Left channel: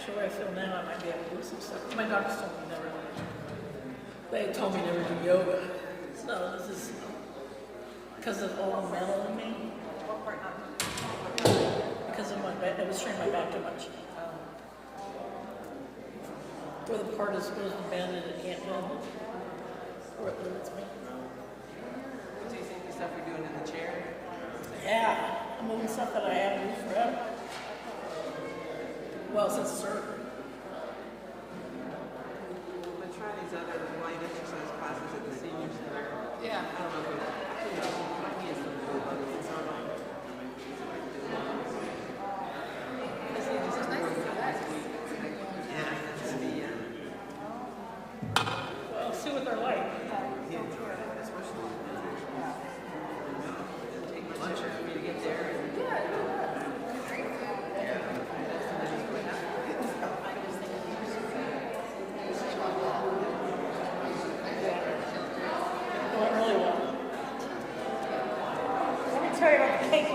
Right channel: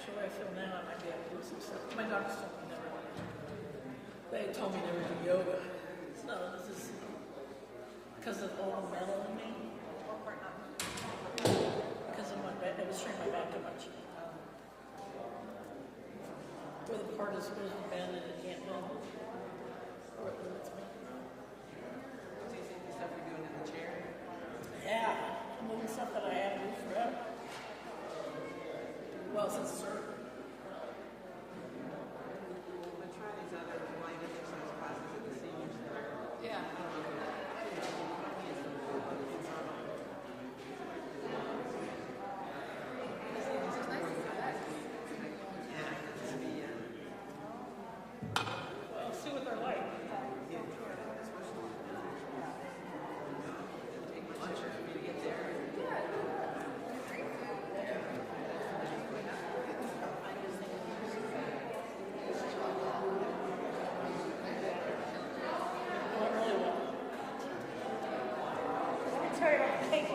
actually where I feel now, I might be able to do some stuff. My doctors told me never. They told me never do yoga. So this is because of all the metal in me. Because of my back, I was training my back too much. Where the part is supposed to bend and it can't bend. Or it limits me. Do you think the stuff you're doing in the chair? Yeah, I'm moving stuff that I haven't moved forever. Well, since surgery. But try these other light exercise classes at the senior center. Yeah. I don't know if it might be some full body. It's not like. Well, see what they're like. Went really well. Let me tell you about the cake.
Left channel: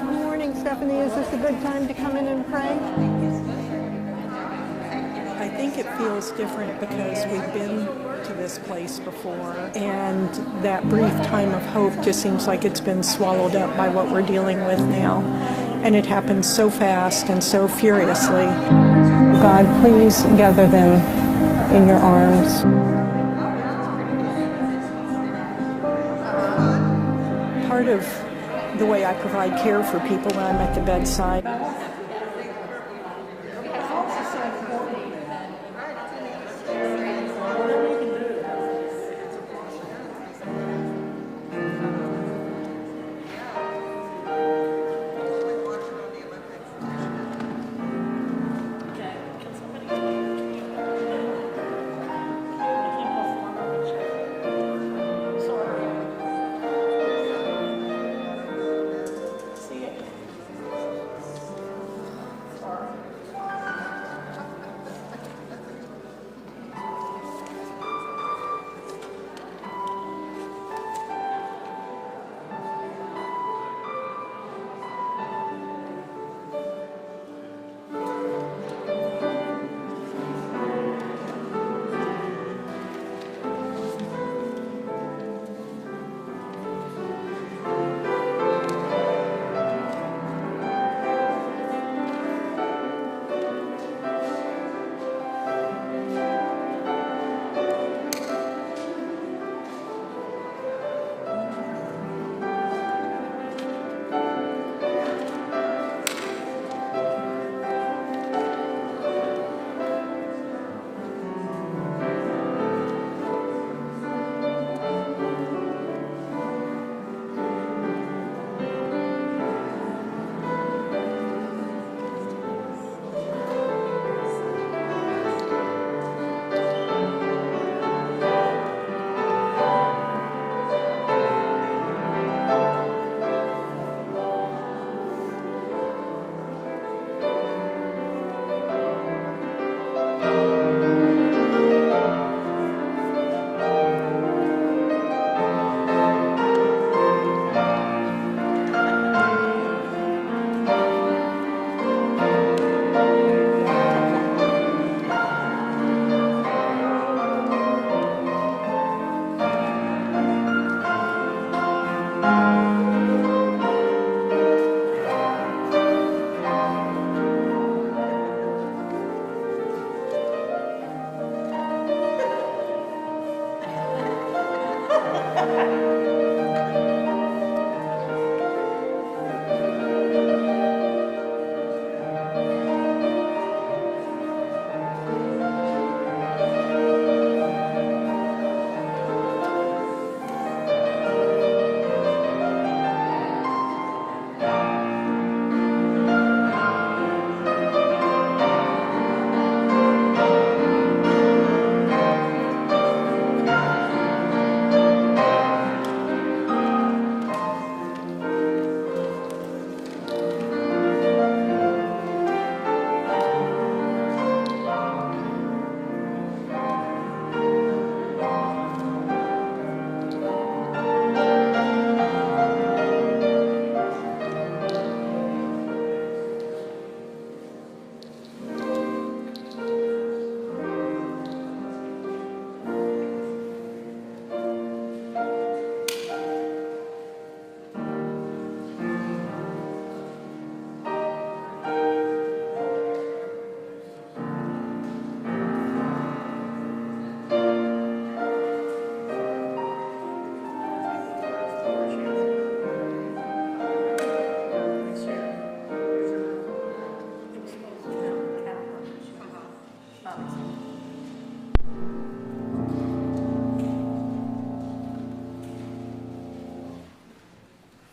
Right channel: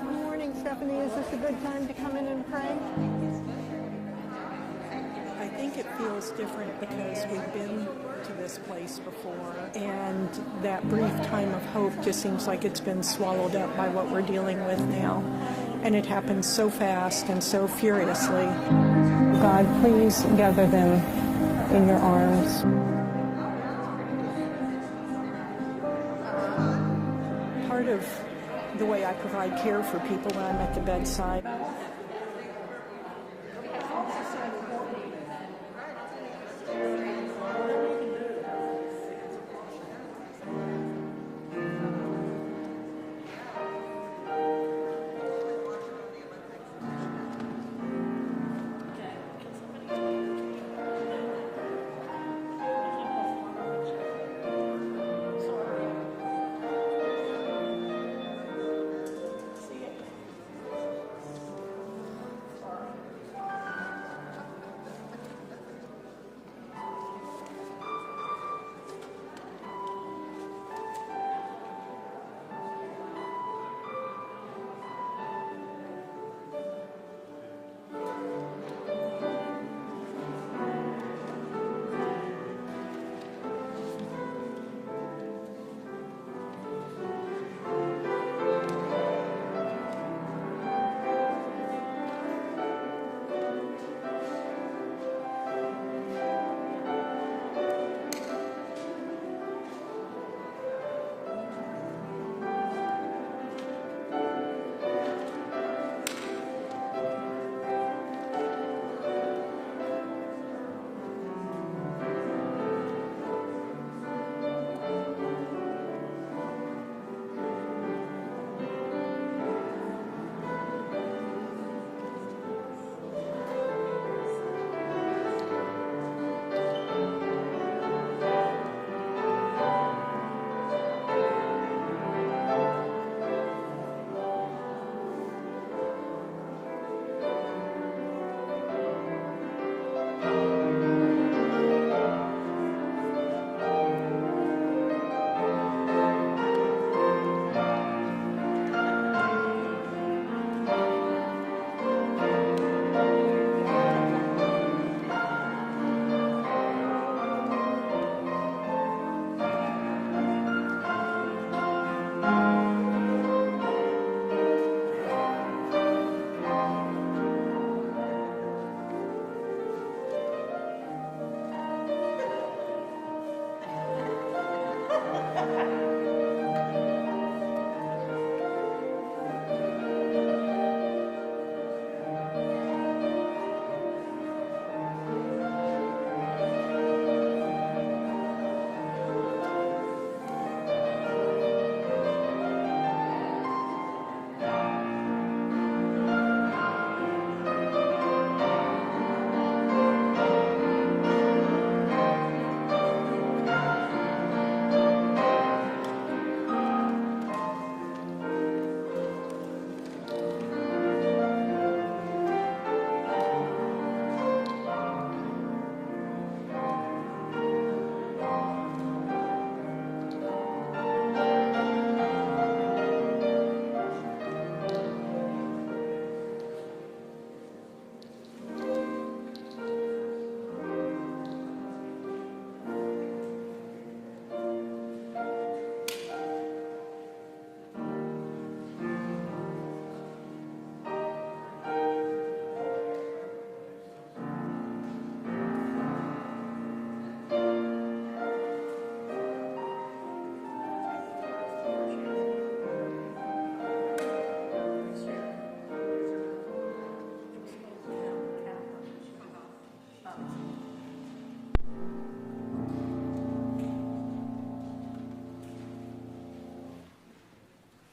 Good morning, Stephanie. Is this a good time to come in and pray? I think it feels different because we've been to this place before, and that brief time of hope just seems like it's been swallowed up by what we're dealing with now. And it happens so fast and so furiously. God, please gather them in your arms. Part of the way I provide care for people when I'm at the bedside.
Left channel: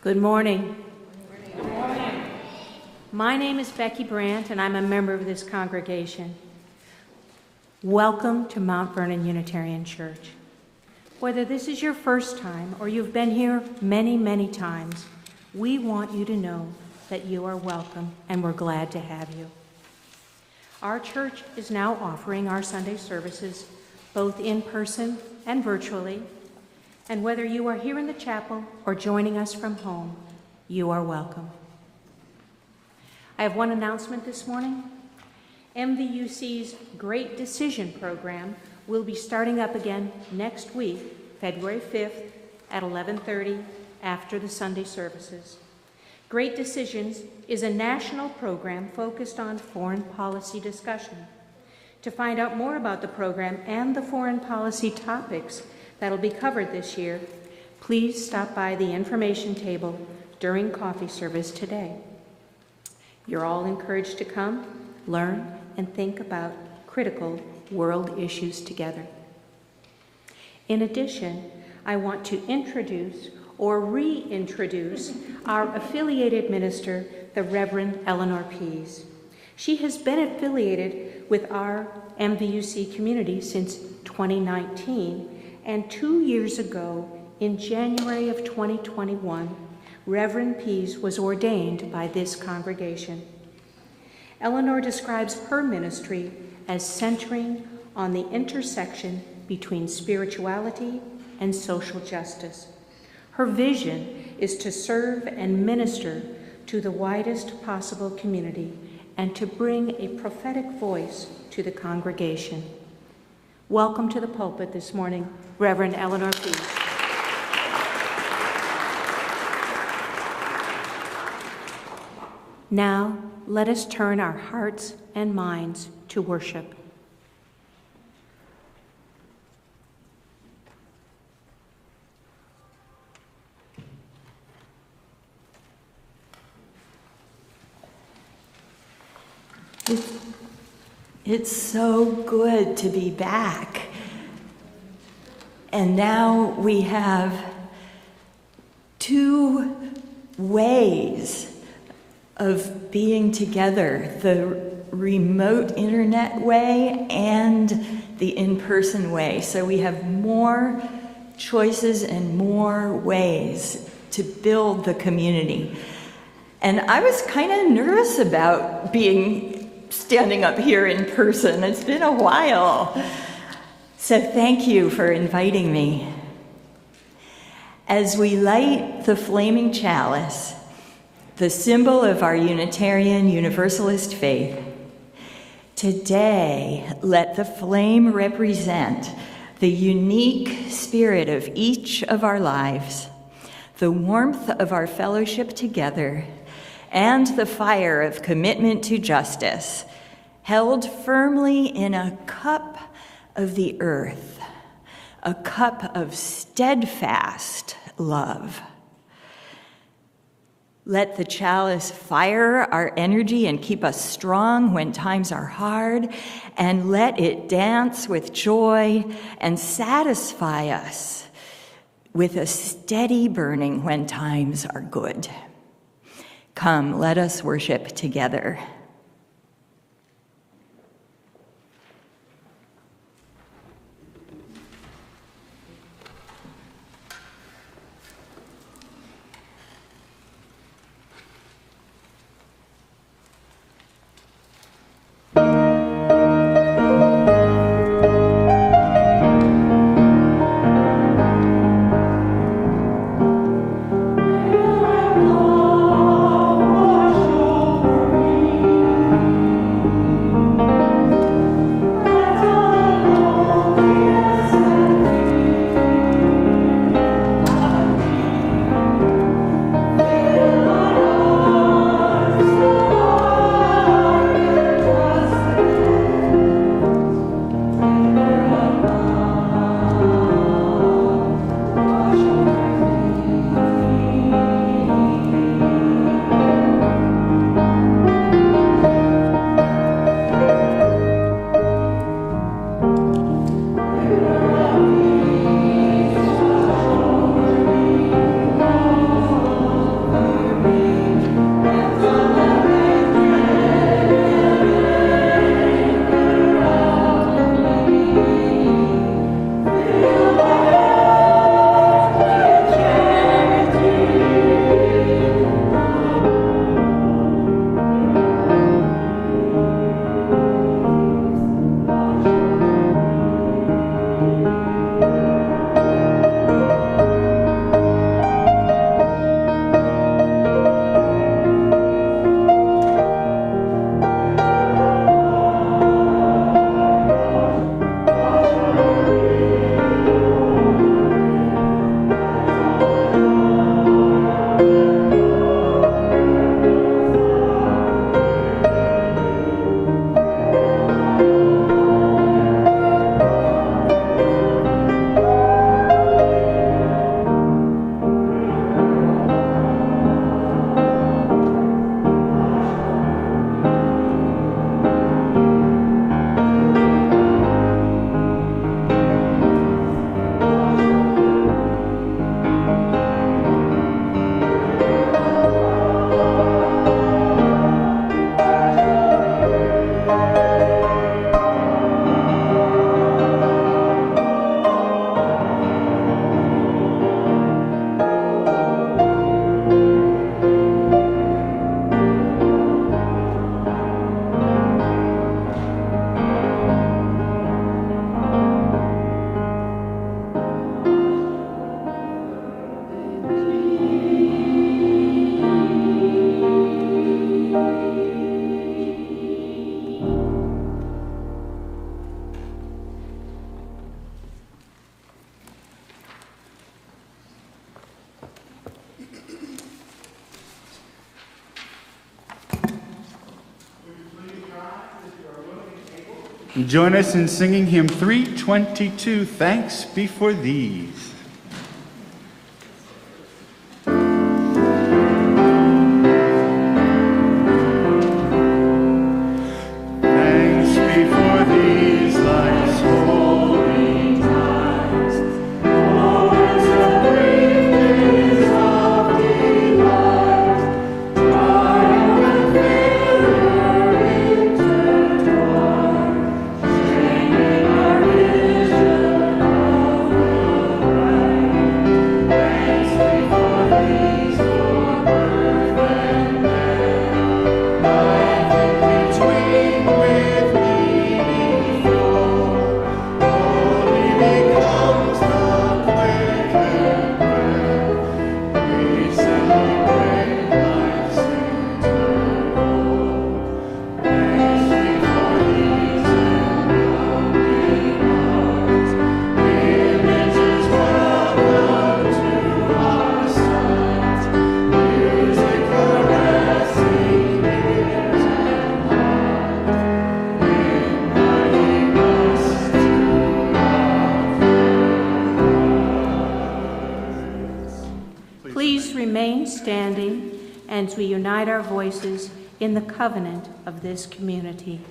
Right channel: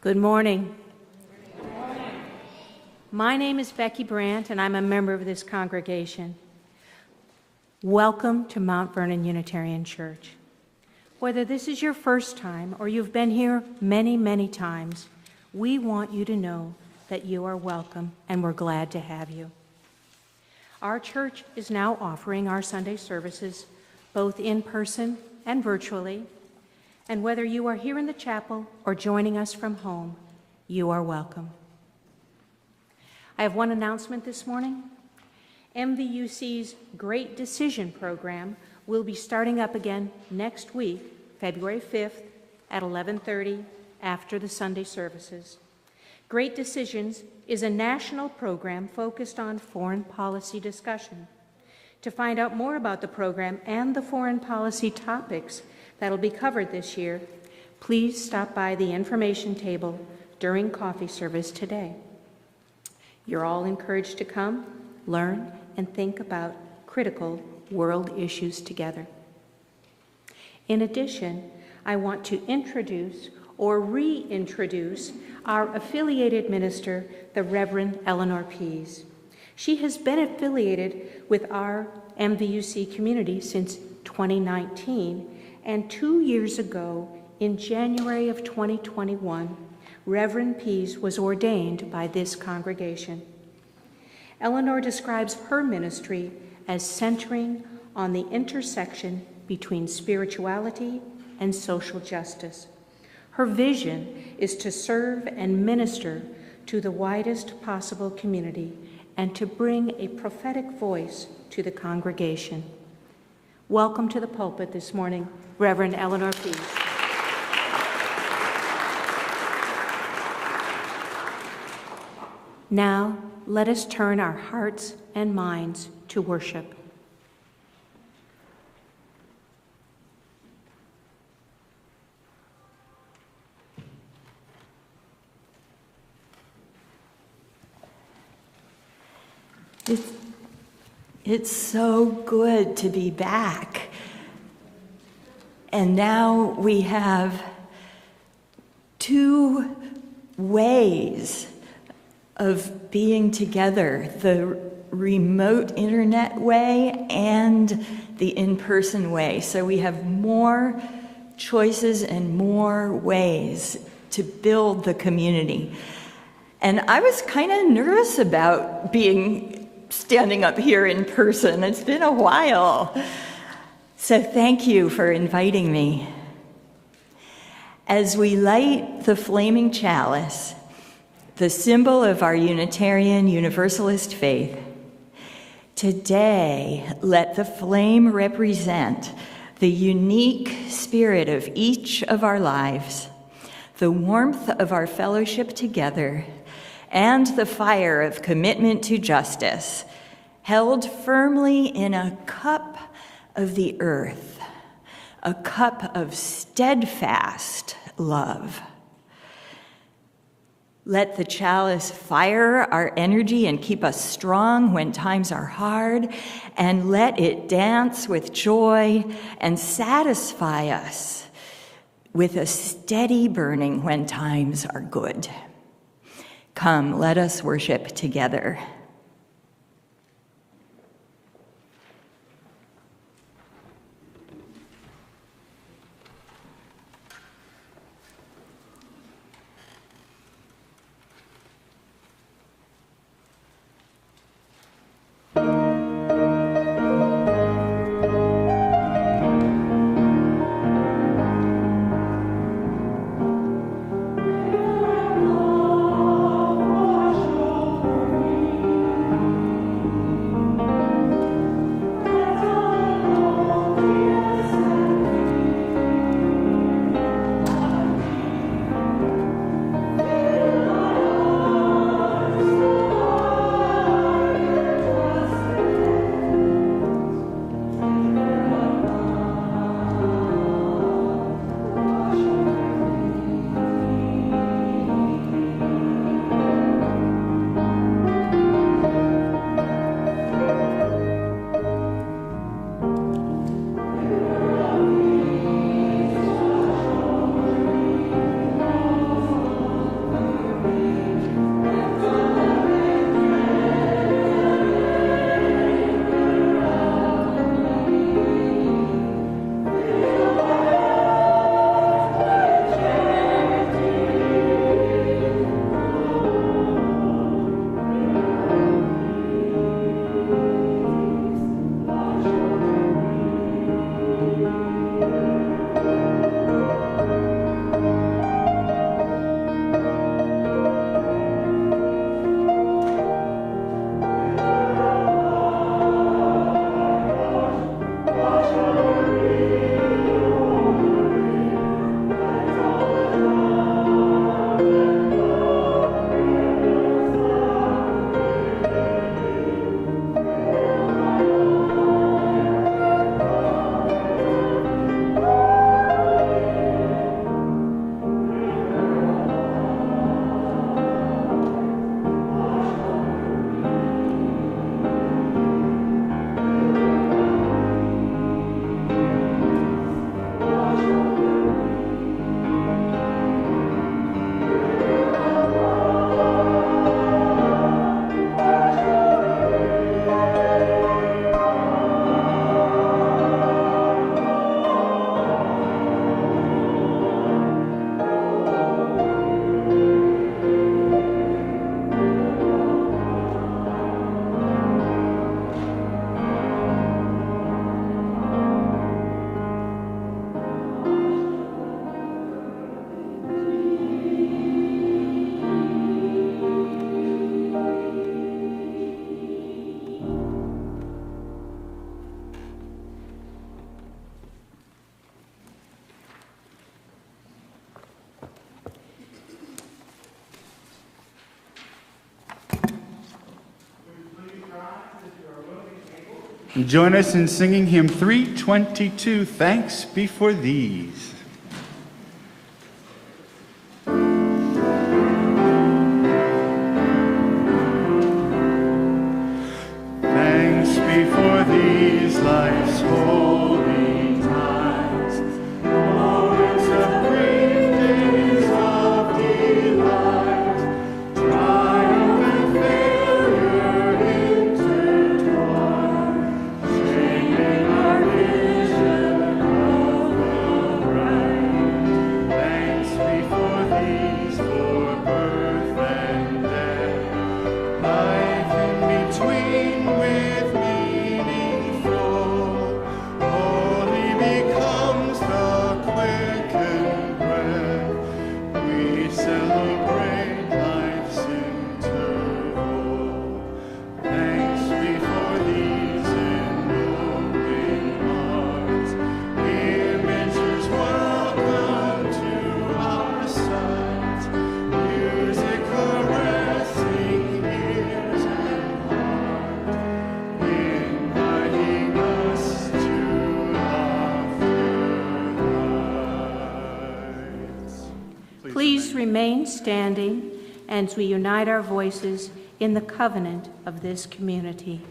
Good morning. My name is Becky Brandt, and I'm a member of this congregation. Welcome to Mount Vernon Unitarian Church. Whether this is your first time or you've been here many, many times, we want you to know that you are welcome, and we're glad to have you. Our church is now offering our Sunday services both in person and virtually. And whether you are here in the chapel or joining us from home, you are welcome. I have one announcement this morning. MVUC's Great Decision program will be starting up again next week, February 5th at 11:30 after the Sunday services. Great Decisions is a national program focused on foreign policy discussion. To find out more about the program and the foreign policy topics that'll be covered this year, please stop by the information table during coffee service today. You're all encouraged to come, learn, and think about critical world issues together. In addition, I want to introduce or reintroduce our affiliated minister, the Reverend Eleanor Pease. She has been affiliated with our MVUC community since 2019, and 2 years ago, in January of 2021, Reverend Pease was ordained by this congregation. Eleanor describes her ministry as centering on the intersection between spirituality and social justice. Her vision is to serve and minister to the widest possible community and to bring a prophetic voice to the congregation. Welcome to the pulpit this morning, Reverend Eleanor Pease. Now, let us turn our hearts and minds to worship. It's so good to be back. And now we have two ways of being together, the remote internet way and the in-person way. So we have more choices and more ways to build the community. And I was kind of nervous about standing up here in person. It's been a while. So thank you for inviting me. As we light the flaming chalice, the symbol of our Unitarian Universalist faith, today let the flame represent the unique spirit of each of our lives, the warmth of our fellowship together, and the fire of commitment to justice, held firmly in a cup of the earth, a cup of steadfast love. Let the chalice fire our energy and keep us strong when times are hard, and let it dance with joy and satisfy us with a steady burning when times are good. Come, let us worship together. Join us in singing hymn 322, Thanks Be for These. Remain standing as we unite our voices in the covenant of this community.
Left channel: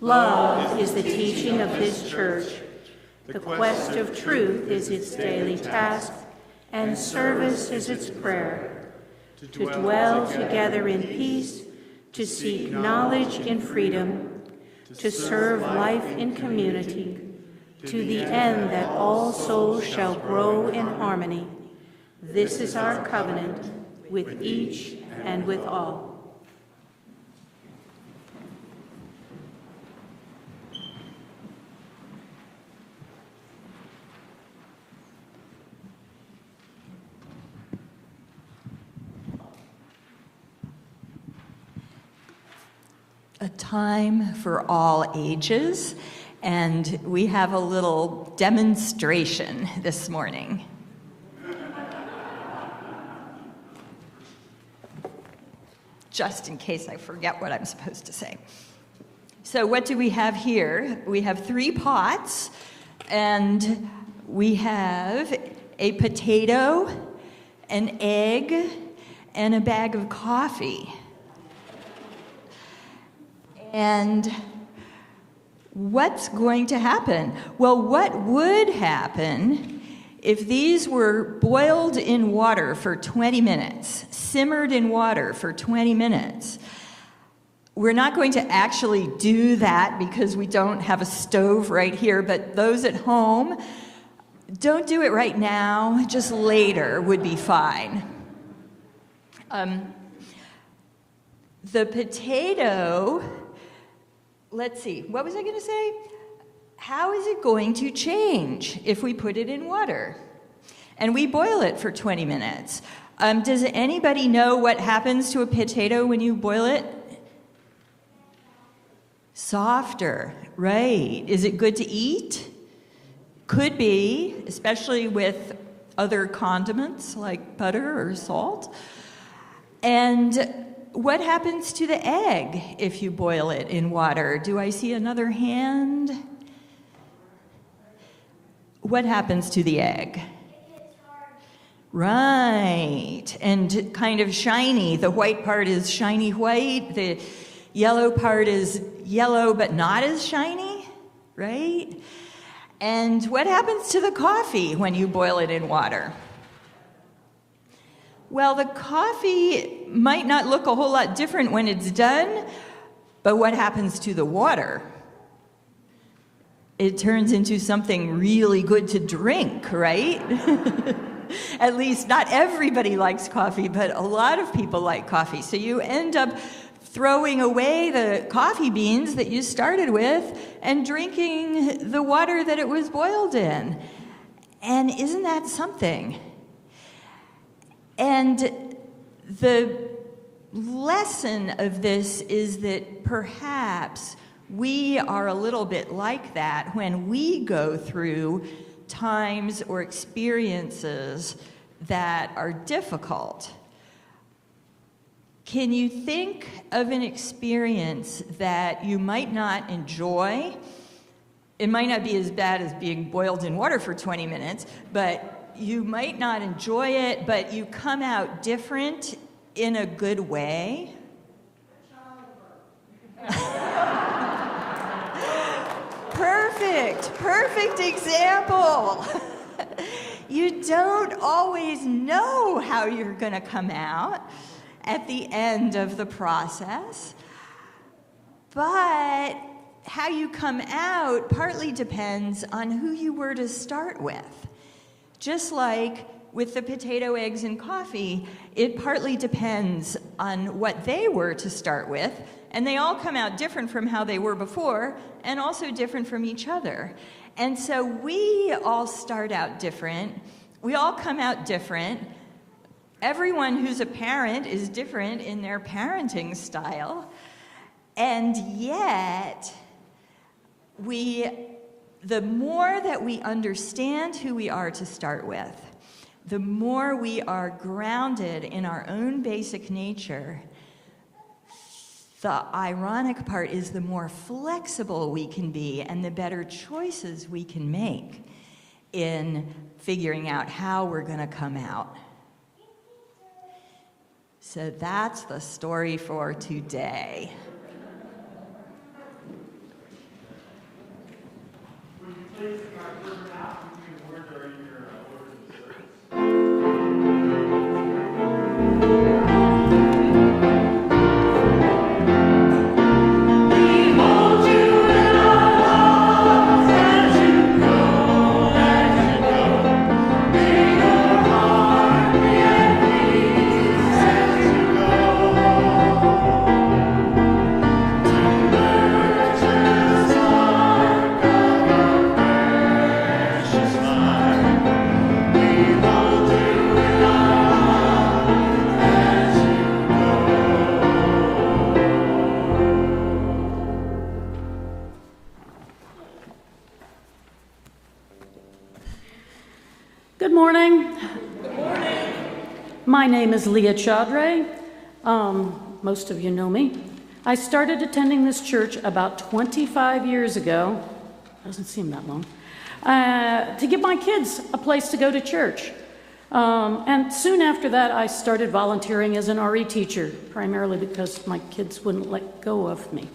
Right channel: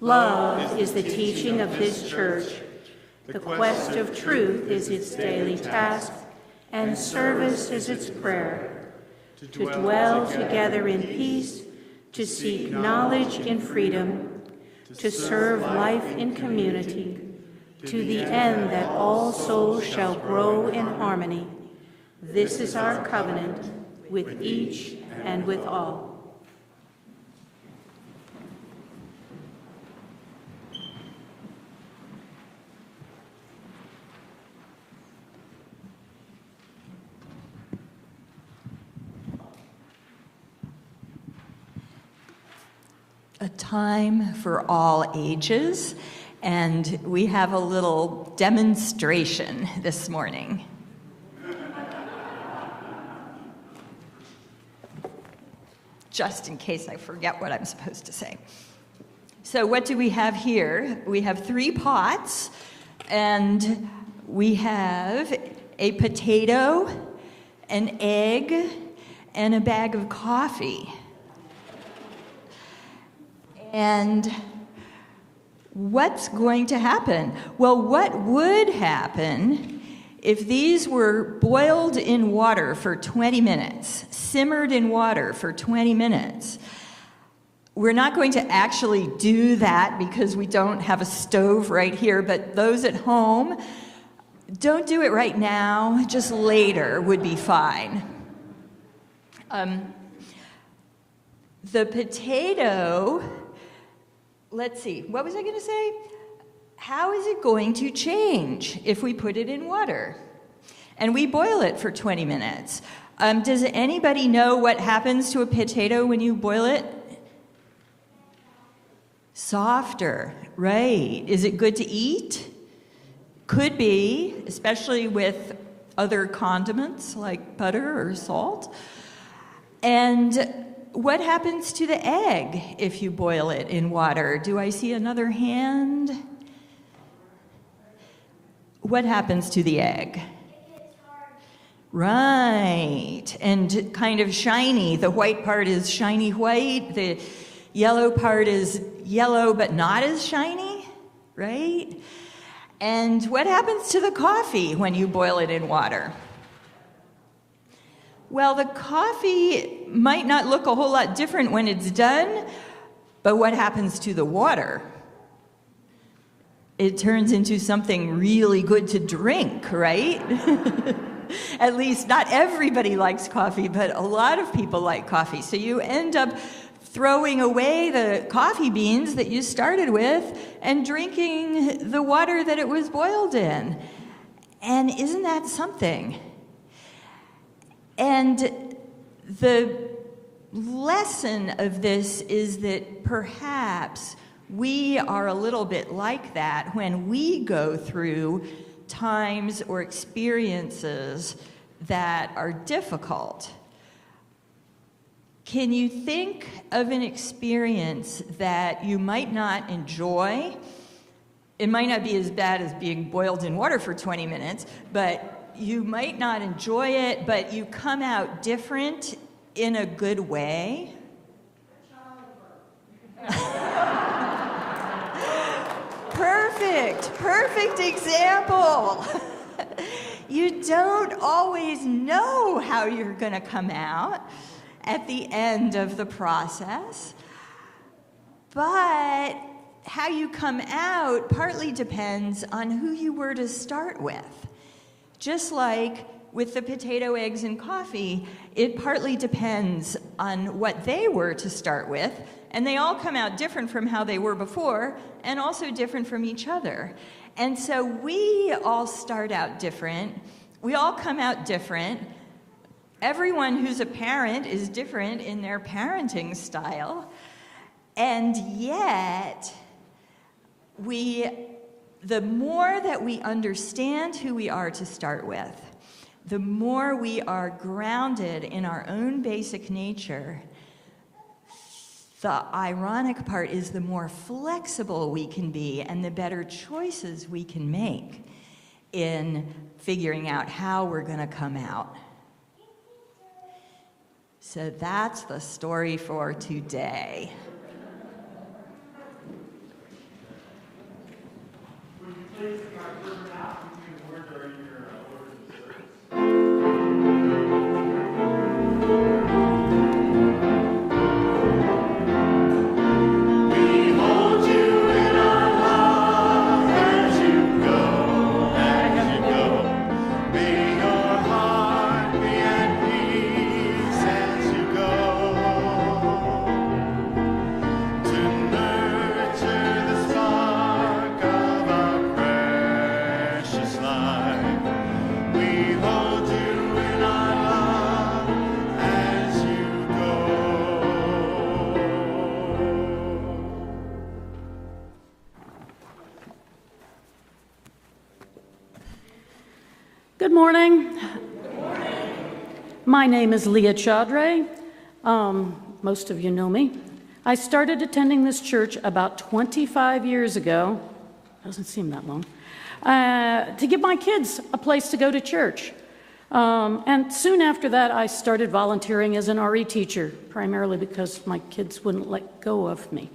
Love is the teaching of this church. The quest of truth is its daily task, and service is its prayer. To dwell together in peace, to seek knowledge in freedom, to serve life in community, to the end that all souls shall grow in harmony. This is our covenant with each and with all. A time for all ages. And we have a little demonstration this morning. Just in case I forget what I'm supposed to say. So what do we have here? We have 3 pots, and we have a potato, an egg, and a bag of coffee. And what's going to happen? Well, what would happen if these were boiled in water for 20 minutes, simmered in water for 20 minutes? We're not going to actually do that because we don't have a stove right here, but those at home, don't do it right now, just later would be fine. The potato, let's see, what was I going to say? How is it going to change if we put it in water and we boil it for 20 minutes? Does anybody know what happens to a potato when you boil it? Softer, right. Is it good to eat? Could be, especially with other condiments like butter or salt. And what happens to the egg if you boil it in water? Do I see another hand? What happens to the egg? Right, and kind of shiny. The white part is shiny white. The yellow part is yellow but not as shiny, right? And what happens to the coffee when you boil it in water? Well, the coffee might not look a whole lot different when it's done, but what happens to the water? It turns into something really good to drink, right? At least not everybody likes coffee, but a lot of people like coffee. So you end up throwing away the coffee beans that you started with and drinking the water that it was boiled in. And isn't that something? And the lesson of this is that perhaps we are a little bit like that when we go through times or experiences that are difficult. Can you think of an experience that you might not enjoy? It might not be as bad as being boiled in water for 20 minutes, but you might not enjoy it, but you come out different in a good way. Perfect example. You don't always know how you're going to come out at the end of the process, but how you come out partly depends on who you were to start with. Just like with the potato, eggs, and coffee, it partly depends on what they were to start with, and they all come out different from how they were before, and also different from each other. And so we all start out different. We all come out different. Everyone who's a parent is different in their parenting style. And yet, the more that we understand who we are to start with, the more we are grounded in our own basic nature. The ironic part is the more flexible we can be and the better choices we can make in figuring out how we're going to come out. So that's the story for today. Good morning. Good morning. My name is Leah Chaudhry. Most of you know me. I started attending this church about 25 years ago, doesn't seem that long, to give my kids a place to go to church. And soon after that, I started volunteering as an RE teacher, primarily because my kids wouldn't let go of me.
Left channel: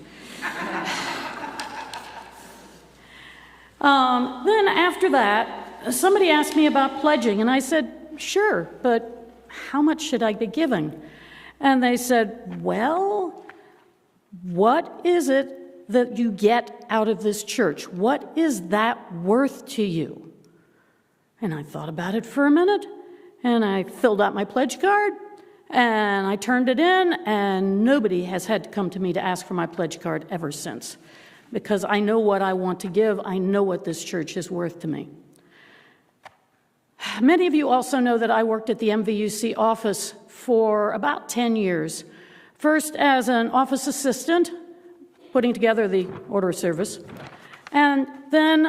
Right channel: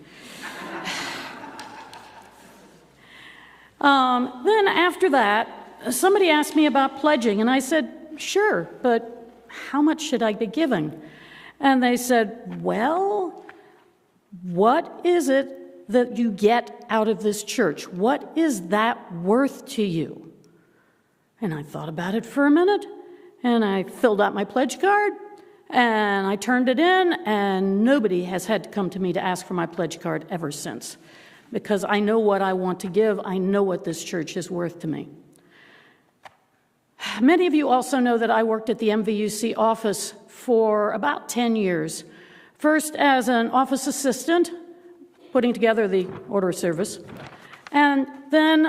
Then after that, somebody asked me about pledging, and I said, sure, but how much should I be giving? And they said, well, what is it that you get out of this church? What is that worth to you? And I thought about it for a minute, and I filled out my pledge card, and I turned it in, and nobody has had to come to me to ask for my pledge card ever since, because I know what I want to give. I know what this church is worth to me. Many of you also know that I worked at the MVUC office for about 10 years. First as an office assistant, putting together the order of service, and then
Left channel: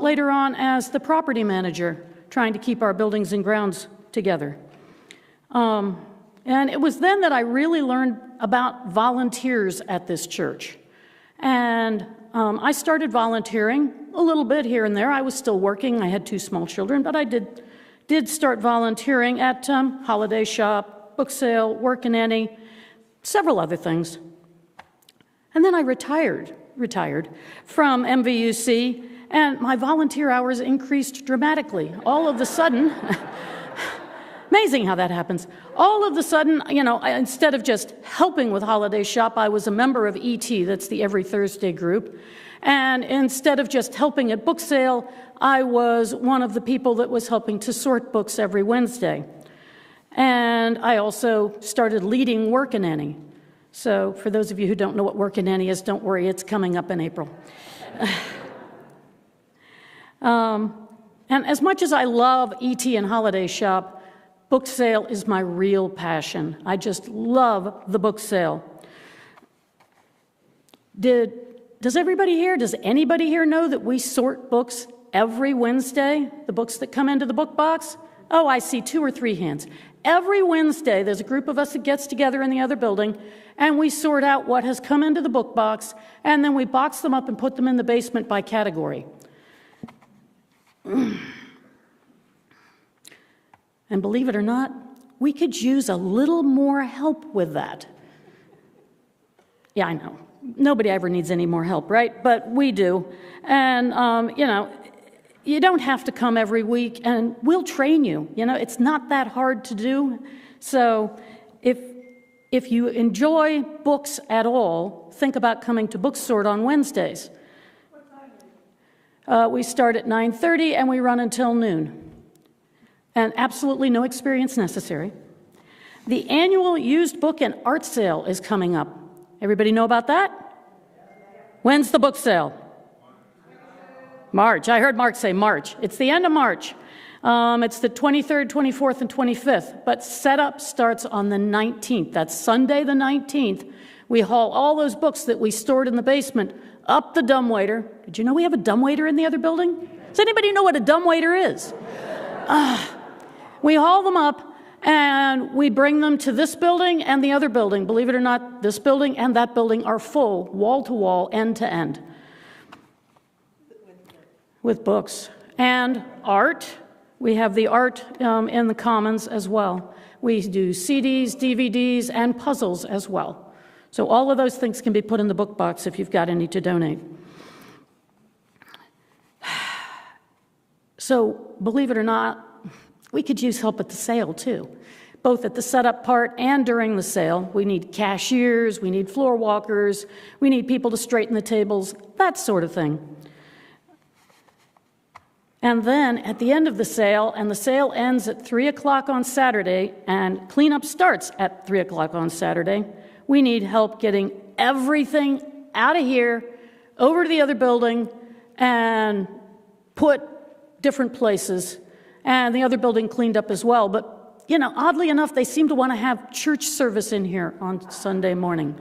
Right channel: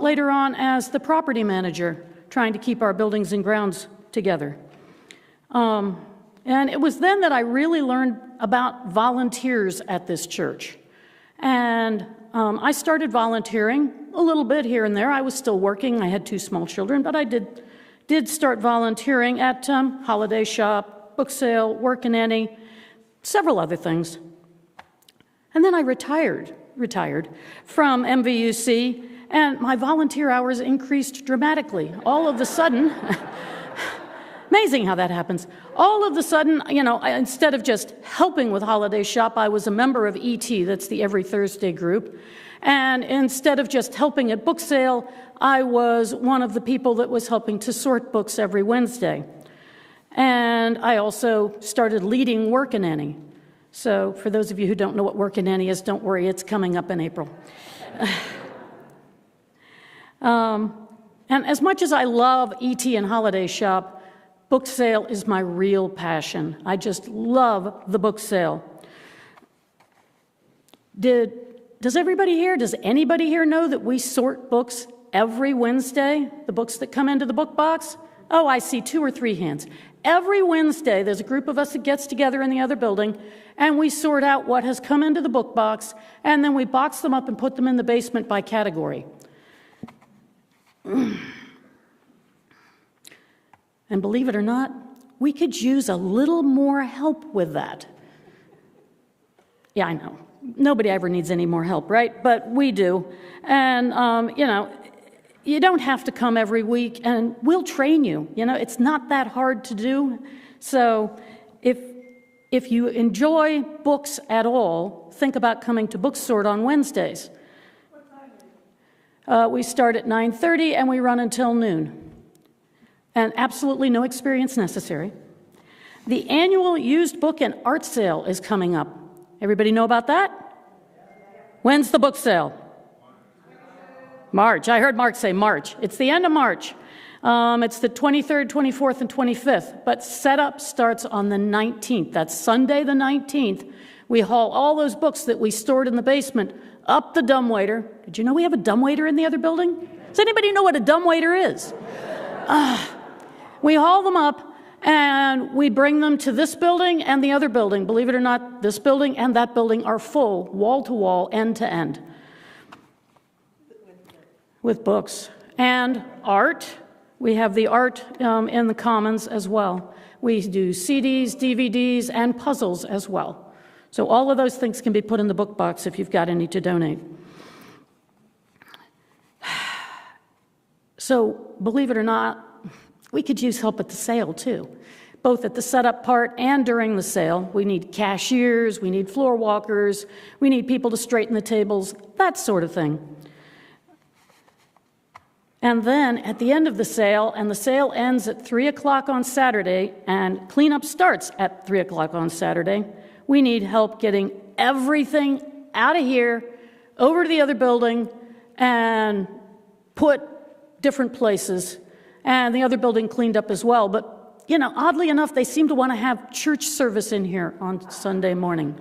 later on as the property manager, trying to keep our buildings and grounds together. And it was then that I really learned about volunteers at this church. And I started volunteering a little bit here and there. I was still working. I had 2 small children, but I did start volunteering at Holiday Shop, book sale, Work and Any, several other things. And then I retired from MVUC, and my volunteer hours increased dramatically. All of a sudden, amazing how that happens. All of a sudden, instead of just helping with Holiday Shop, I was a member of ET, that's the Every Thursday group. And instead of just helping at book sale, I was one of the people that was helping to sort books every Wednesday. And I also started leading Work and Any. So for those of you who don't know what Work and Any is, don't worry, it's coming up in April. And as much as I love ET and Holiday Shop, book sale is my real passion. I just love the book sale. Does anybody here know that we sort books every Wednesday, the books that come into the book box? Oh, I see 2 or 3 hands. Every Wednesday, there's a group of us that gets together in the other building, and we sort out what has come into the book box, and then we box them up and put them in the basement by category. And believe it or not, we could use a little more help with that. Yeah, I know. Nobody ever needs any more help, right? But we do. And, you don't have to come every week, and we'll train you. It's not that hard to do. So if you enjoy books at all, think about coming to Bookstore on Wednesdays. We start at 9:30, and we run until noon. And absolutely no experience necessary. The annual used book and art sale is coming up. Everybody know about that? When's the book sale? March. I heard Mark say March. It's the end of March. It's the 23rd, 24th, and 25th. But setup starts on the 19th. That's Sunday the 19th. We haul all those books that we stored in the basement up the dumbwaiter. Did you know we have a dumbwaiter in the other building? Does anybody know what a dumbwaiter is? We haul them up, and we bring them to this building and the other building. Believe it or not, this building and that building are full, wall to wall, end to end, with books and art. We have the art in the Commons as well. We do CDs, DVDs, and puzzles as well. So all of those things can be put in the book box if you've got any to donate. So believe it or not, we could use help at the sale too, both at the setup part and during the sale. We need cashiers, we need floor walkers, we need people to straighten the tables, that sort of thing. And then at the end of the sale, and the sale ends at 3 o'clock on Saturday, and cleanup starts at 3 o'clock on Saturday, we need help getting everything out of here, over to the other building, and put different places, and the other building cleaned up as well. But, oddly enough, they seem to want to have church service in here on Sunday morning.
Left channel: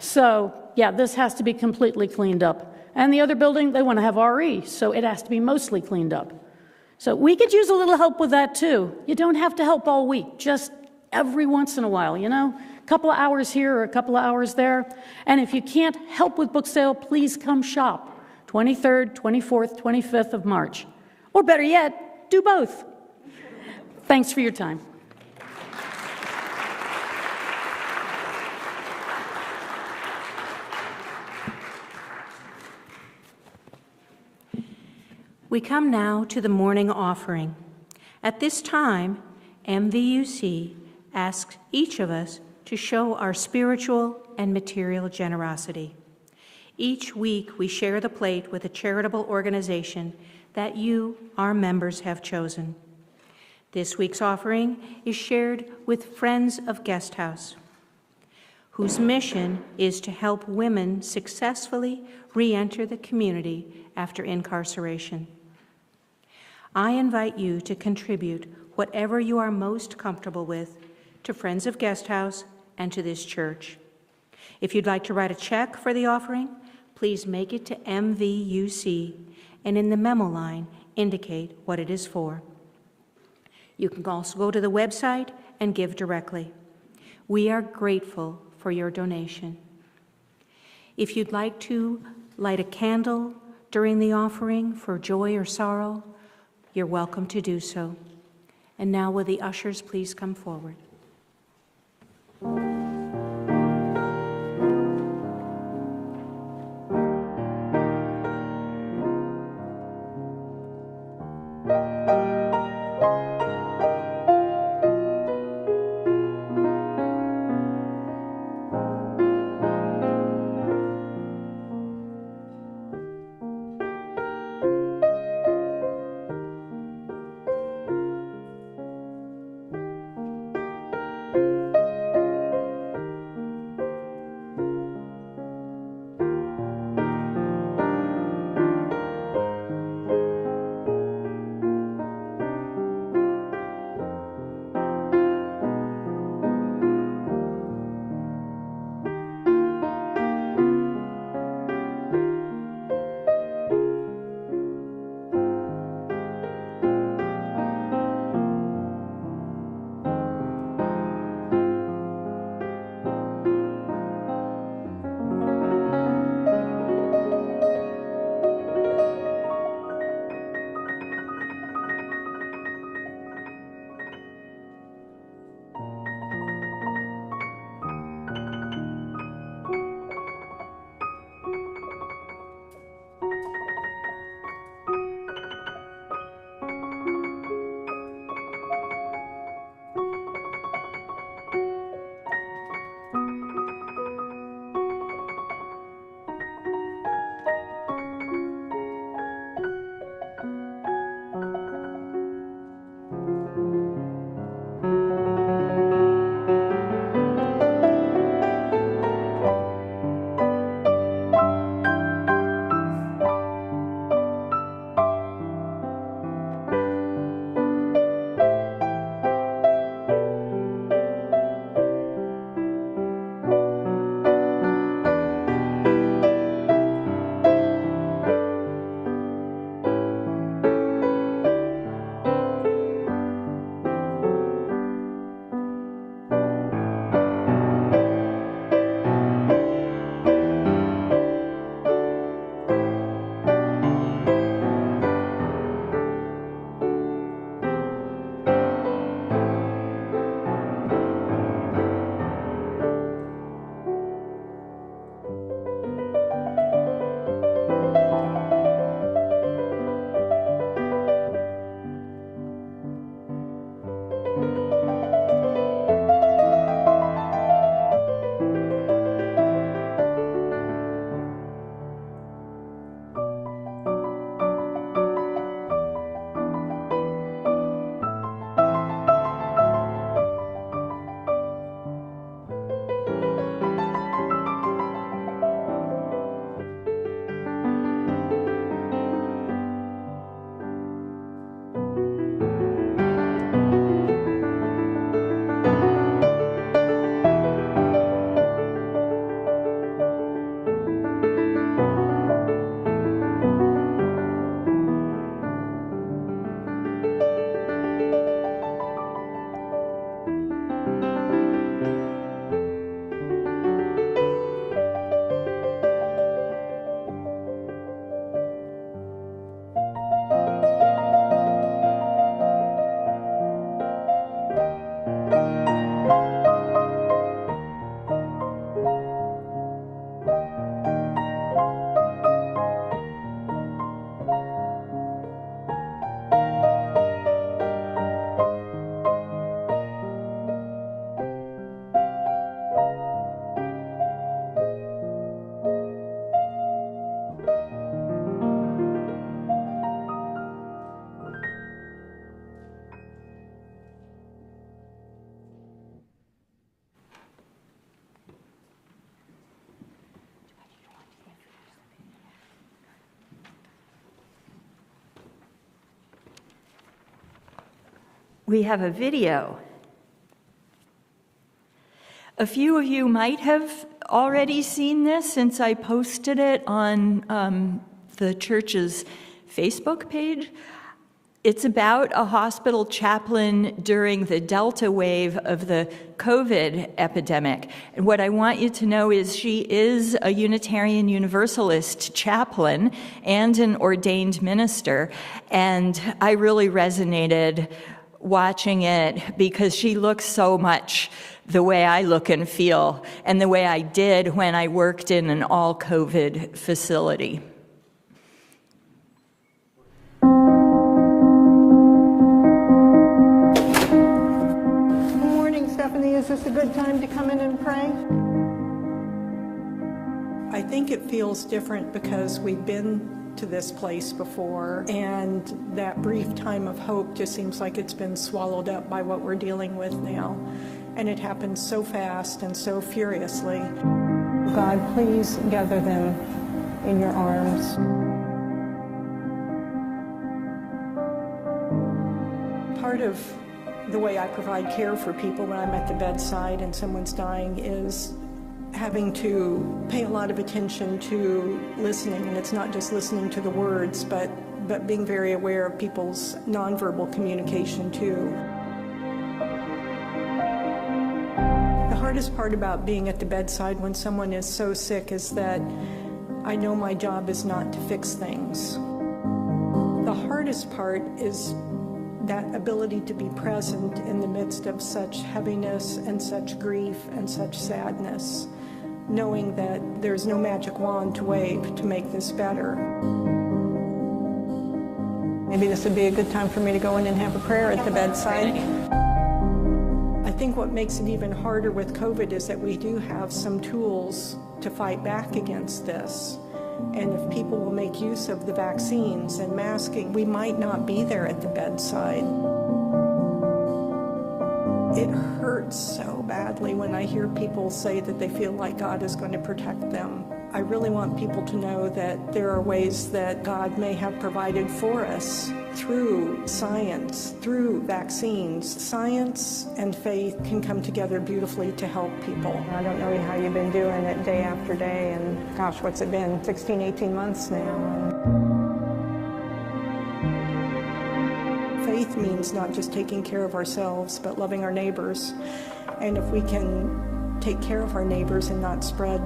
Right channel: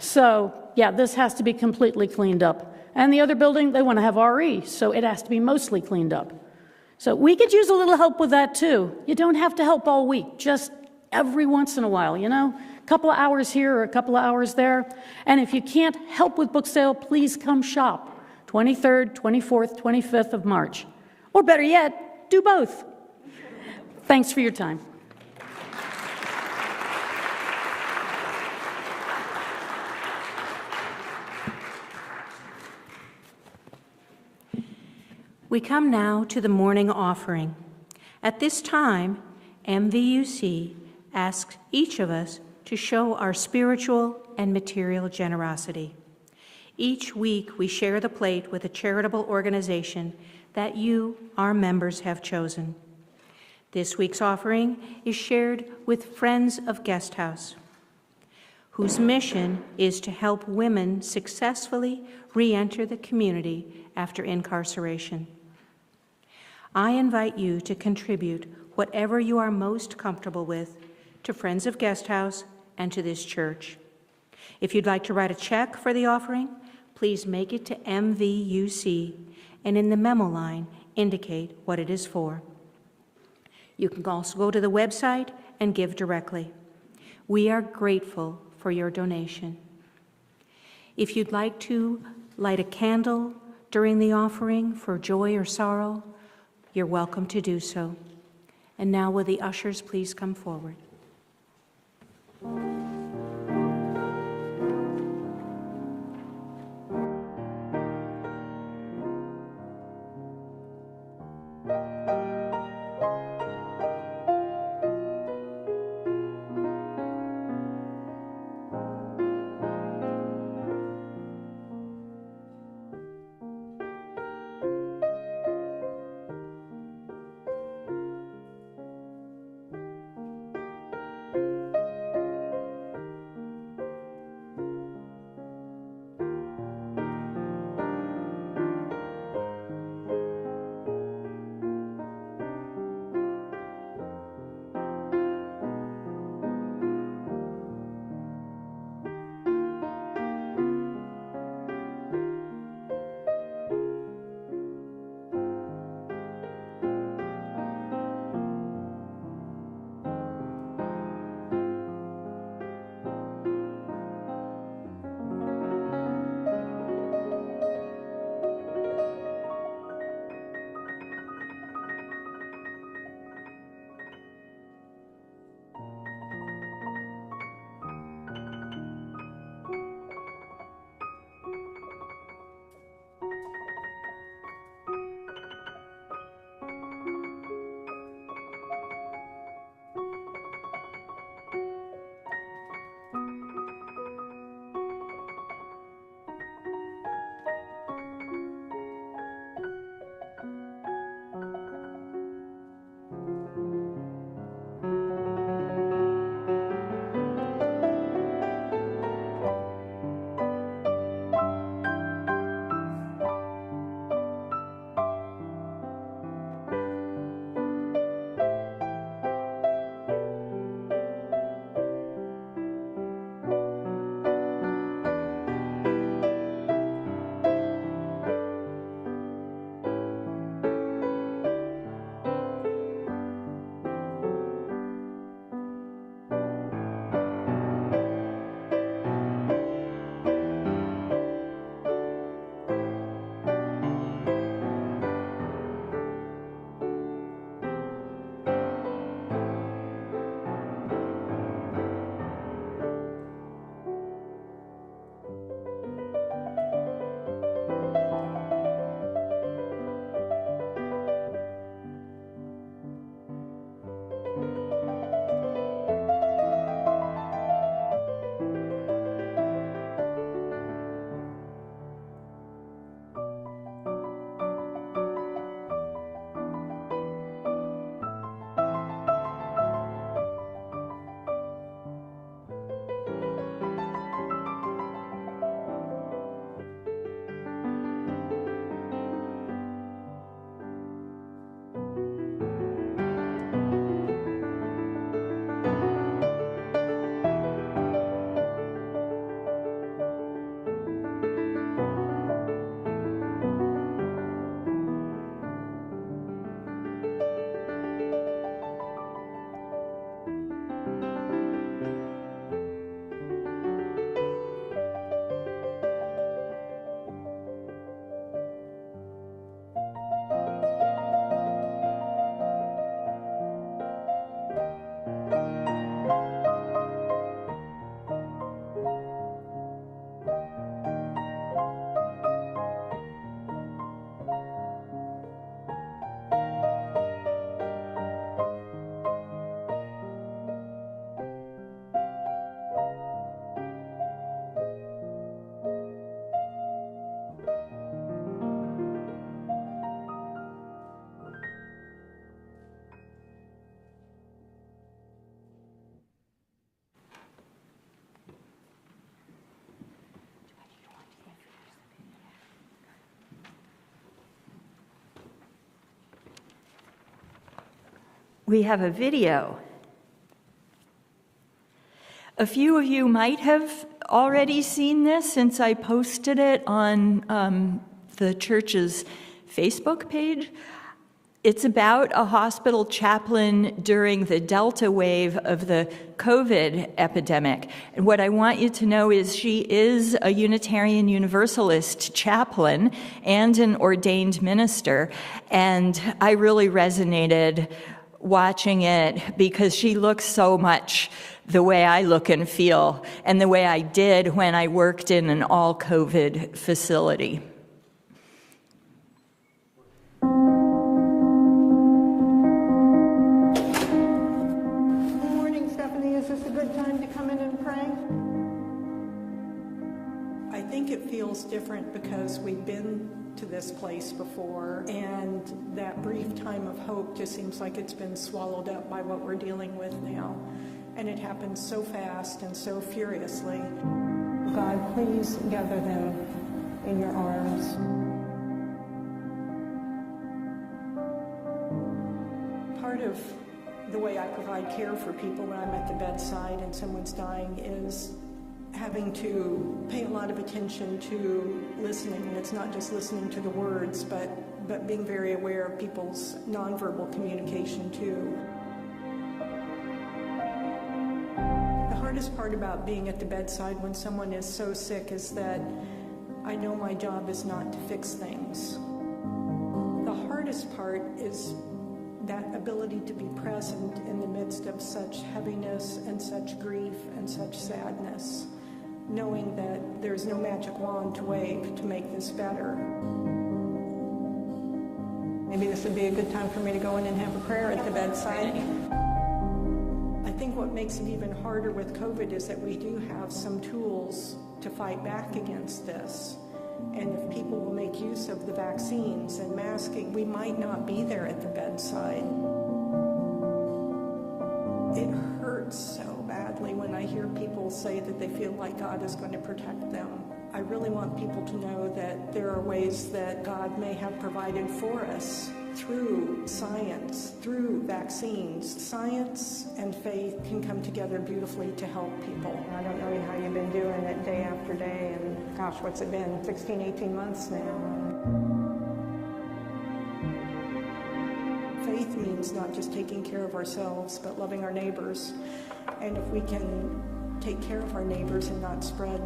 So, yeah, this has to be completely cleaned up. And the other building, they want to have RE, so it has to be mostly cleaned up. So we could use a little help with that, too. You don't have to help all week, just every once in a while, a couple of hours here or a couple of hours there. And if you can't help with book sale, please come shop 23rd, 24th, 25th of March. Or better yet, do both. Thanks for your time. We come now to the morning offering. At this time, MVUC asks each of us to show our spiritual and material generosity. Each week, we share the plate with a charitable organization that you, our members, have chosen. This week's offering is shared with Friends of Guest House, whose mission is to help women successfully re-enter the community after incarceration. I invite you to contribute whatever you are most comfortable with to Friends of Guest House and to this church. If you'd like to write a check for the offering, please make it to MVUC, and in the memo line, indicate what it is for. You can also go to the website and give directly. We are grateful for your donation. If you'd like to light a candle during the offering for joy or sorrow, you're welcome to do so. And now will the ushers please come forward? we have a video. A few of you might have already seen this since I posted it on the church's Facebook page. It's about a hospital chaplain during the Delta wave of the COVID epidemic. And what I want you to know is she is a Unitarian Universalist chaplain and an ordained minister. And I really resonated watching it because she looks so much the way I look and feel and the way I did when I worked in an all-COVID facility. Is this a good time to come in and pray? I think it feels different because we've been to this place before, and that brief time of hope just seems like it's been swallowed up by what we're dealing with now. And it happens so fast and so furiously. God, please gather them in your arms. Part of the way I provide care for people when I'm at the bedside and someone's dying is having to pay a lot of attention to listening. And it's not just listening to the words, but being very aware of people's nonverbal communication too. The hardest part about being at the bedside when someone is so sick is that I know my job is not to fix things. The hardest part is that ability to be present in the midst of such heaviness and such grief and such sadness, knowing that there's no magic wand to wave to make this better. Maybe this would be a good time for me to go in and have a prayer at the bedside. I think what makes it even harder with COVID is that we do have some tools to fight back against this. And if people will make use of the vaccines and masking, we might not be there at the bedside. It hurts so badly when I hear people say that they feel like God is going to protect them. I really want people to know that there are ways that God may have provided for us through science, through vaccines. Science and faith can come together beautifully to help people. I don't know how you've been doing it day after day, and gosh, what's it been, 16, 18 months now? Faith means not just taking care of ourselves, but loving our neighbors. And if we can take care of our neighbors and not spread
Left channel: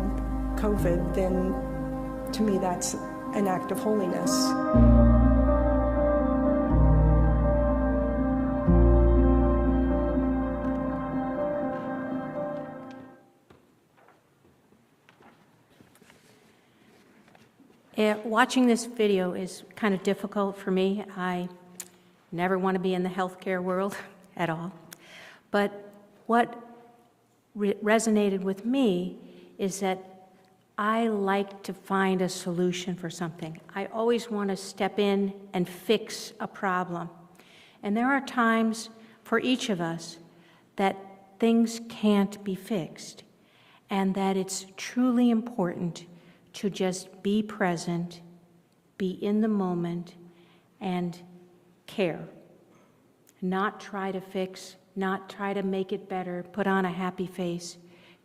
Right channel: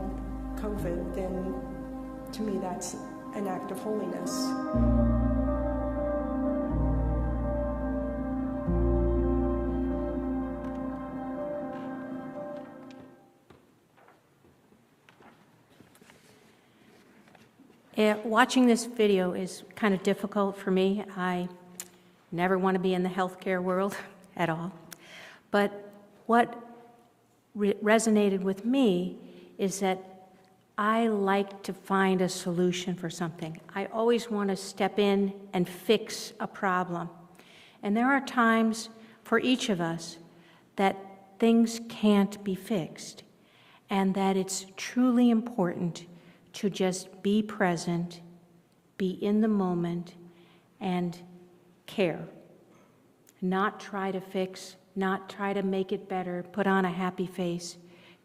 COVID, then to me that's an act of holiness. Watching this video is kind of difficult for me. I never want to be in the healthcare world at all. But what resonated with me is that I like to find a solution for something. I always want to step in and fix a problem. And there are times for each of us that things can't be fixed, and that it's truly important to just be present, be in the moment, and care. Not try to fix, not try to make it better, put on a happy face,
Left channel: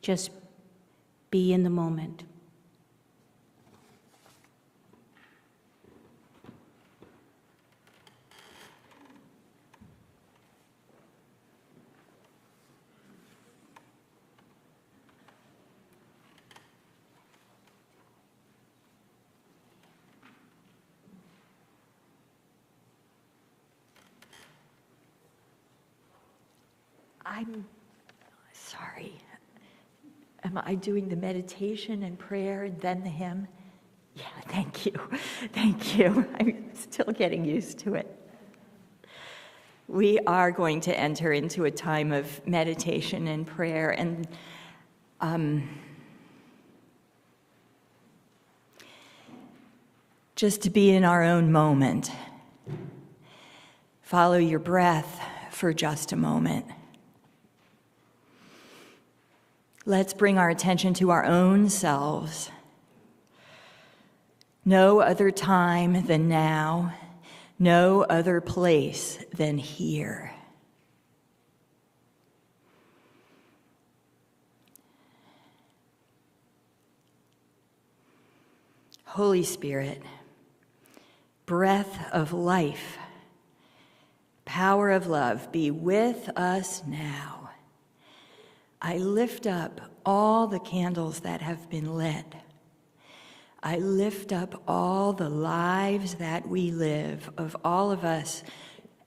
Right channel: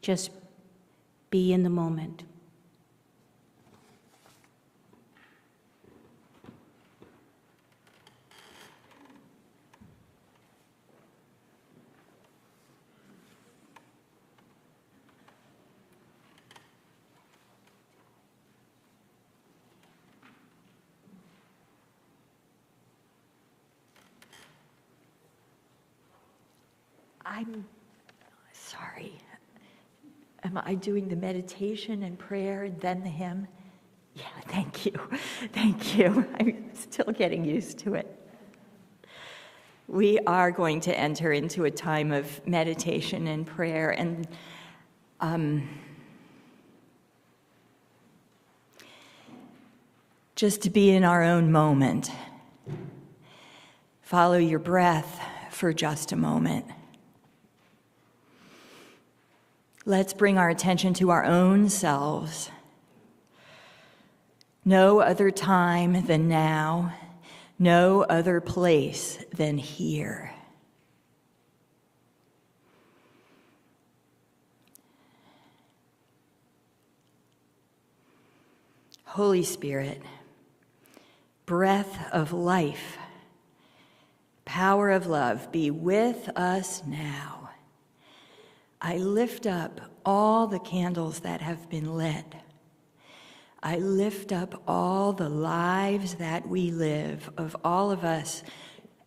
just be in the moment. I'm sorry. Am I doing the meditation and prayer and then the hymn? Yeah, thank you. Thank you. I'm still getting used to it. We are going to enter into a time of meditation and prayer, and just to be in our own moment. Follow your breath for just a moment. Let's bring our attention to our own selves. No other time than now, no other place than here. Holy Spirit, breath of life, power of love, be with us now. I lift up all the candles that have been lit. I lift up all the lives that we live, of all of us,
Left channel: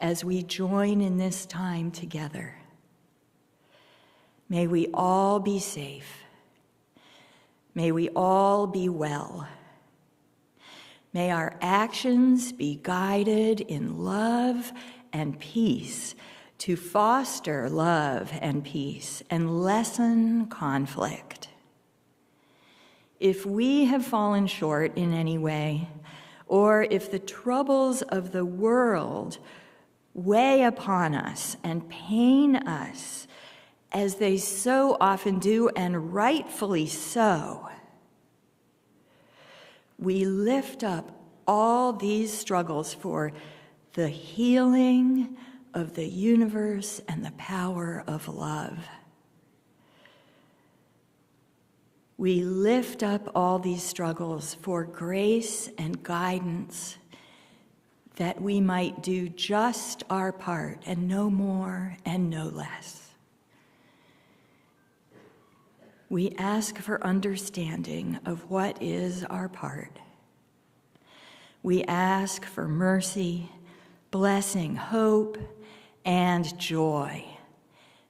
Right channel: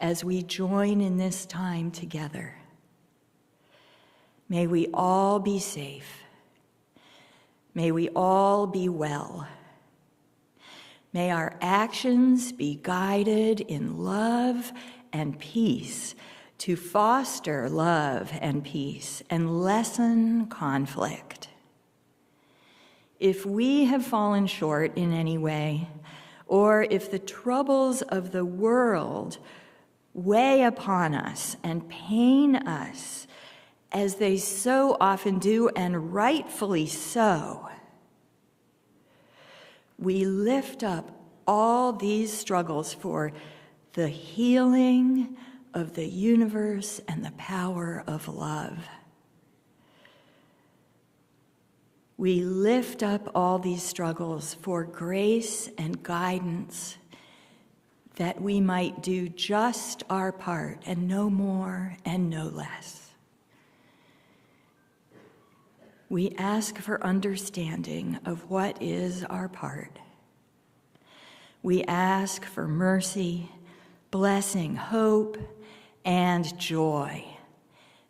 as we join in this time together. May we all be safe. May we all be well. May our actions be guided in love and peace to foster love and peace and lessen conflict. If we have fallen short in any way, or if the troubles of the world weigh upon us and pain us, as they so often do, and rightfully so, we lift up all these struggles for the healing of the universe and the power of love. We lift up all these struggles for grace and guidance, that we might do just our part and no more and no less. We ask for understanding of what is our part. We ask for mercy, blessing, hope, and joy.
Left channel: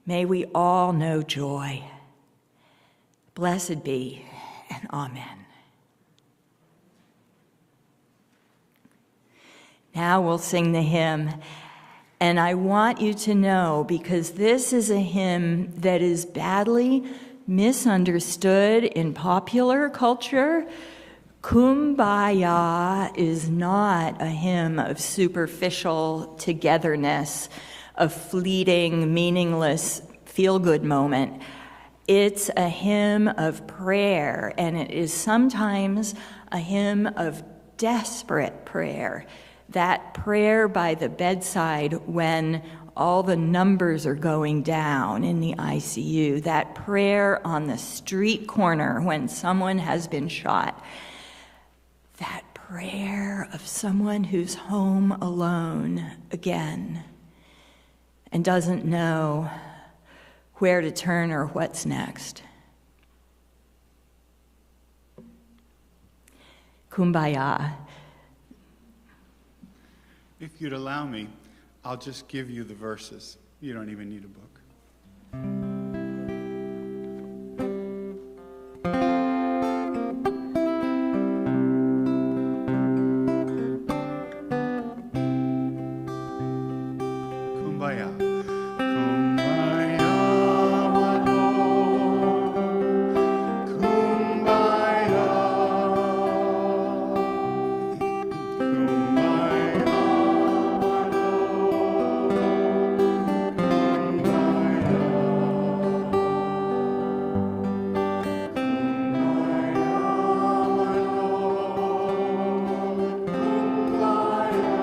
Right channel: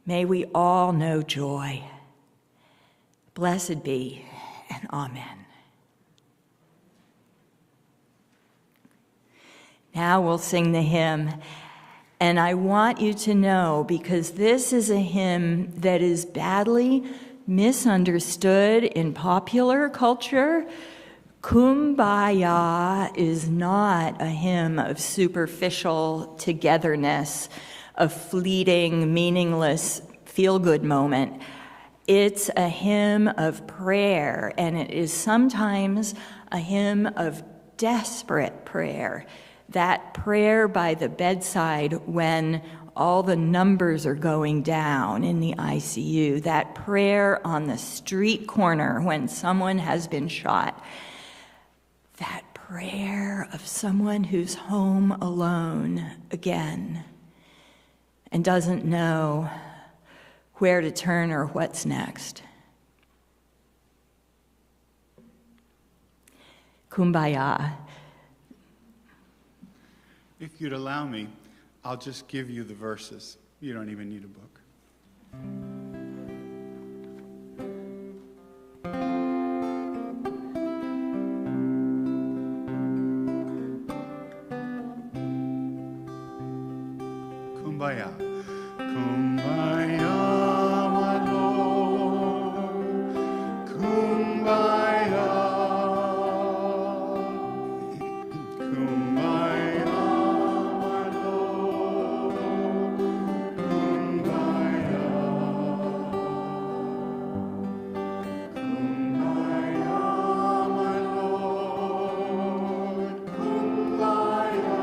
May we all know joy. Blessed be, and amen. Now we'll sing the hymn, and I want you to know, because this is a hymn that is badly misunderstood in popular culture, Kumbaya is not a hymn of superficial togetherness, a fleeting, meaningless, feel-good moment. It's a hymn of prayer, and it is sometimes a hymn of desperate prayer, that prayer by the bedside when all the numbers are going down in the ICU, that prayer on the street corner when someone has been shot, that prayer of someone who's home alone again and doesn't know where to turn or what's next. Kumbaya. If you'd allow me, I'll just give you the verses. You don't even need a book. Kumbaya. Kumbaya, my Lord. Kumbaya. Kumbaya, my Lord. Kumbaya.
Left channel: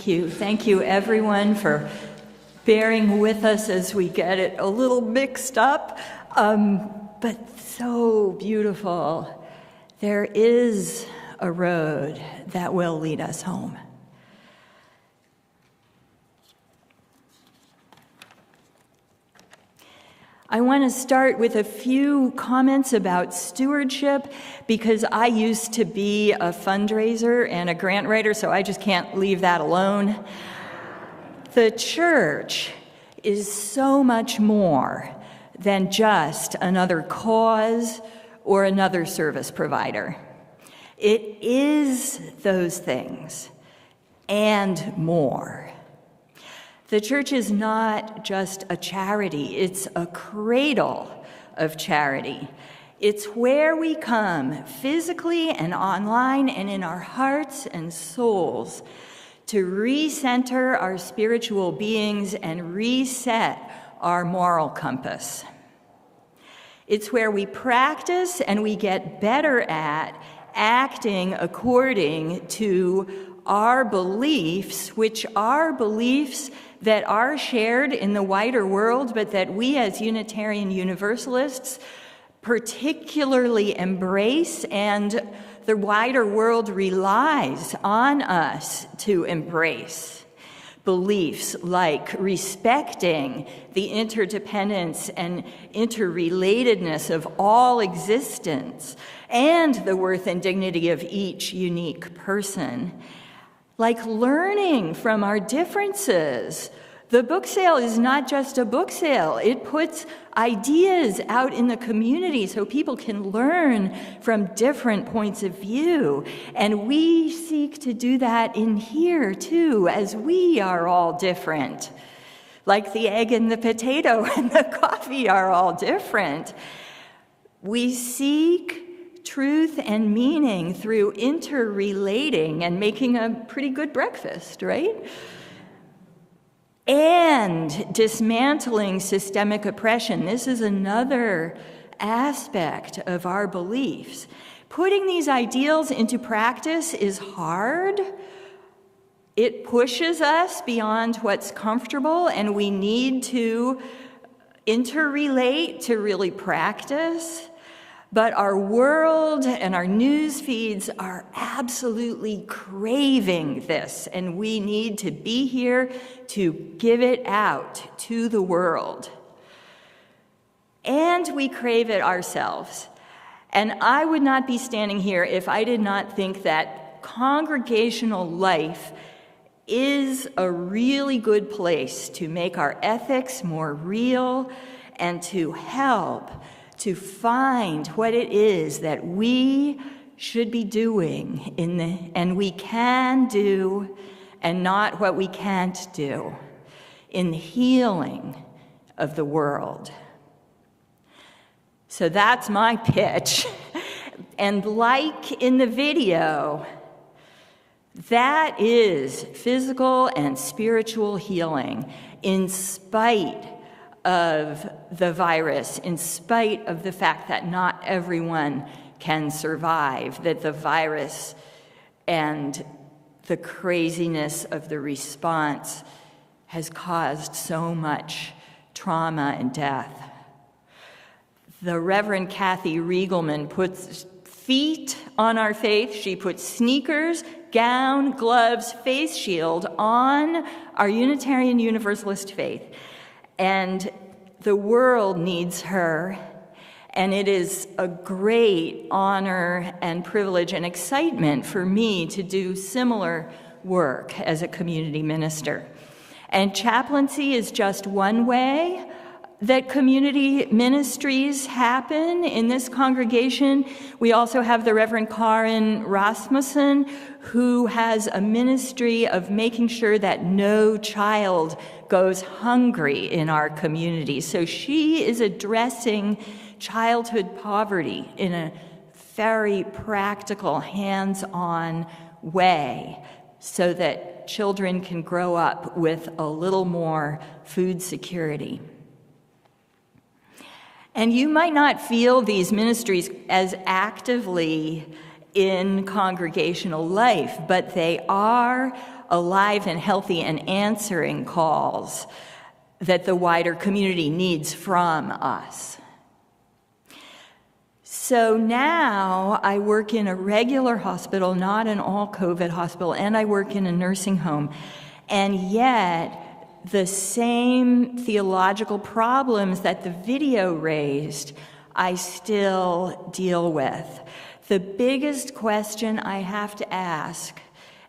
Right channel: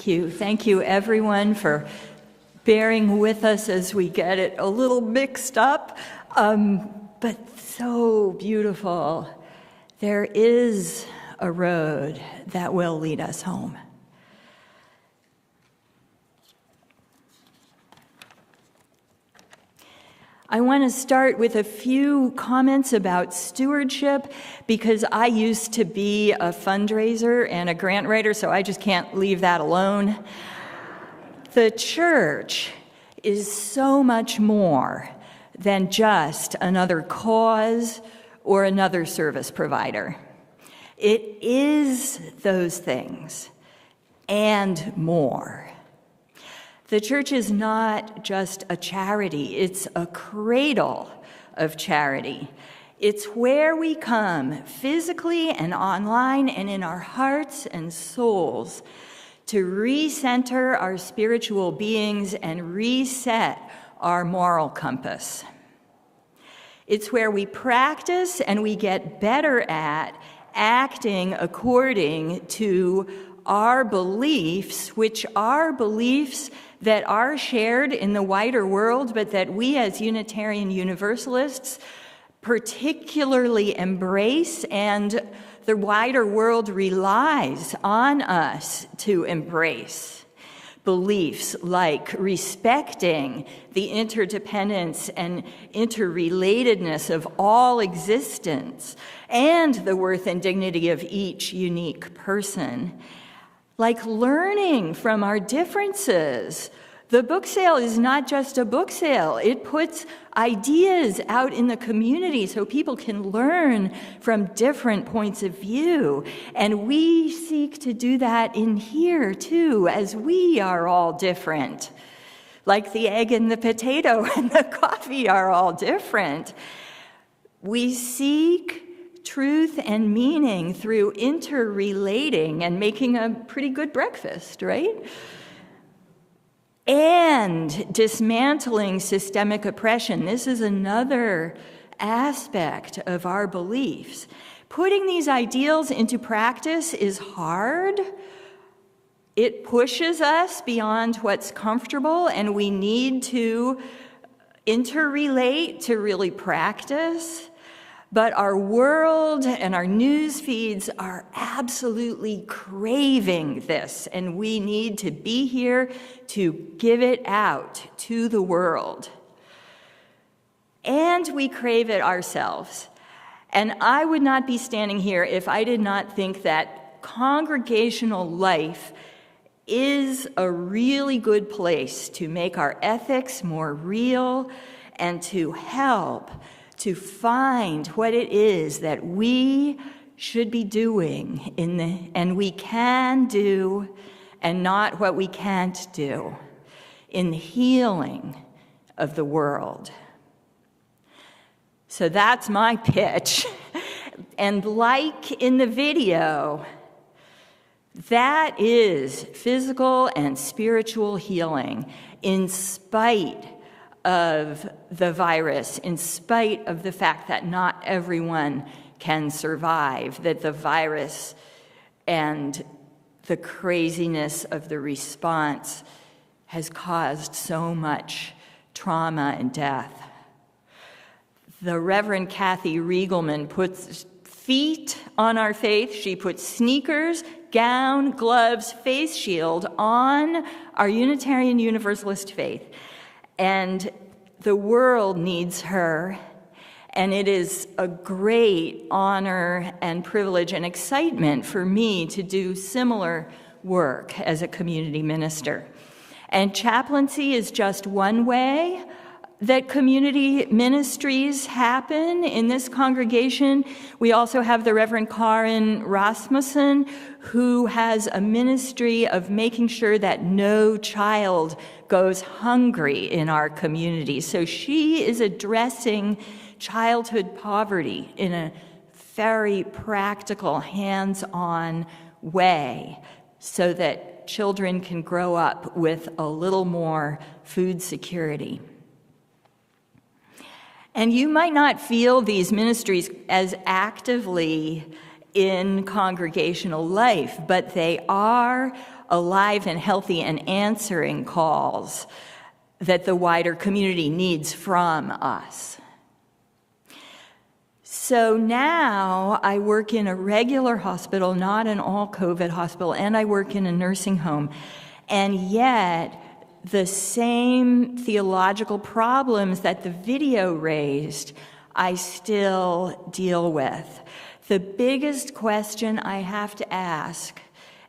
Thank you. Thank you, everyone, for bearing with us as we get it a little mixed up, but so beautiful. There is a road that will lead us home. I want to start with a few comments about stewardship because I used to be a fundraiser and a grant writer, so I just can't leave that alone. The church is so much more than just another cause or another service provider. It is those things and more. The church is not just a charity, it's a cradle of charity. It's where we come physically and online and in our hearts and souls to recenter our spiritual beings and reset our moral compass. It's where we practice and we get better at acting according to our beliefs, which are beliefs that are shared in the wider world, but that we as Unitarian Universalists particularly embrace, and the wider world relies on us to embrace. Beliefs like respecting the interdependence and interrelatedness of all existence and the worth and dignity of each unique person. Like learning from our differences. The book sale is not just a book sale. It puts ideas out in the community so people can learn from different points of view. And we seek to do that in here too, as we are all different. Like the egg and the potato and the coffee are all different. We seek truth and meaning through interrelating and making a pretty good breakfast, right? And dismantling systemic oppression. This is another aspect of our beliefs. Putting these ideals into practice is hard. It pushes us beyond what's comfortable, and we need to interrelate to really practice. But our world and our news feeds are absolutely craving this, and we need to be here to give it out to the world. And we crave it ourselves. And I would not be standing here if I did not think that congregational life is a really good place to make our ethics more real and to help to find what it is that we should be doing and we can do, and not what we can't do in the healing of the world. So that's my pitch. And like in the video, that is physical and spiritual healing in spite of the virus, in spite of the fact that not everyone can survive, that the virus and the craziness of the response has caused so much trauma and death. The Reverend Kathy Riegelman puts feet on our faith. She puts sneakers, gown, gloves, face shield on our Unitarian Universalist faith. And the world needs her, and it is a great honor and privilege and excitement for me to do similar work as a community minister. And chaplaincy is just one way that community ministries happen in this congregation. We also have the Reverend Karin Rasmussen, who has a ministry of making sure that no child goes hungry in our community. So she is addressing childhood poverty in a very practical, hands-on way so that children can grow up with a little more food security. And you might not feel these ministries as actively in congregational life, but they are alive and healthy and answering calls that the wider community needs from us. So now I work in a regular hospital, not an all-COVID hospital, and I work in a nursing home. And yet, the same theological problems that the video raised, I still deal with. The biggest question I have to ask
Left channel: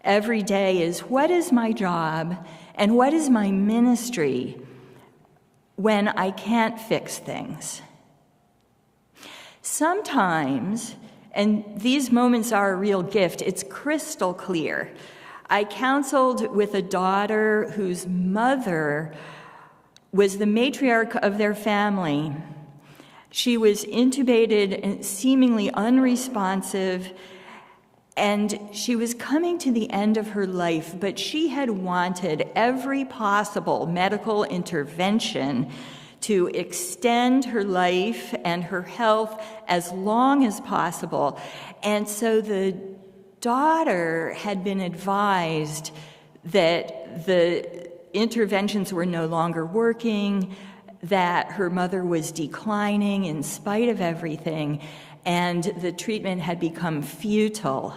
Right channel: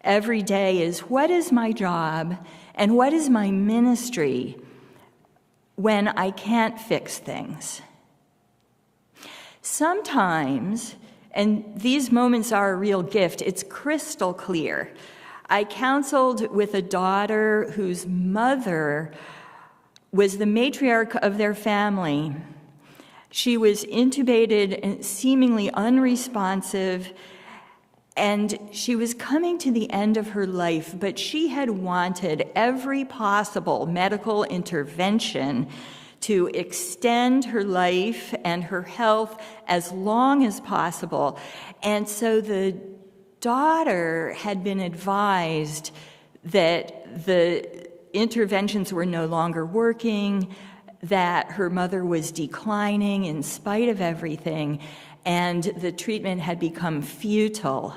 every day is, what is my job and what is my ministry when I can't fix things? Sometimes, and these moments are a real gift, it's crystal clear. I counseled with a daughter whose mother was the matriarch of their family. She was intubated and seemingly unresponsive, and she was coming to the end of her life, but she had wanted every possible medical intervention to extend her life and her health as long as possible. And so the daughter had been advised that the interventions were no longer working, that her mother was declining in spite of everything, and the treatment had become futile.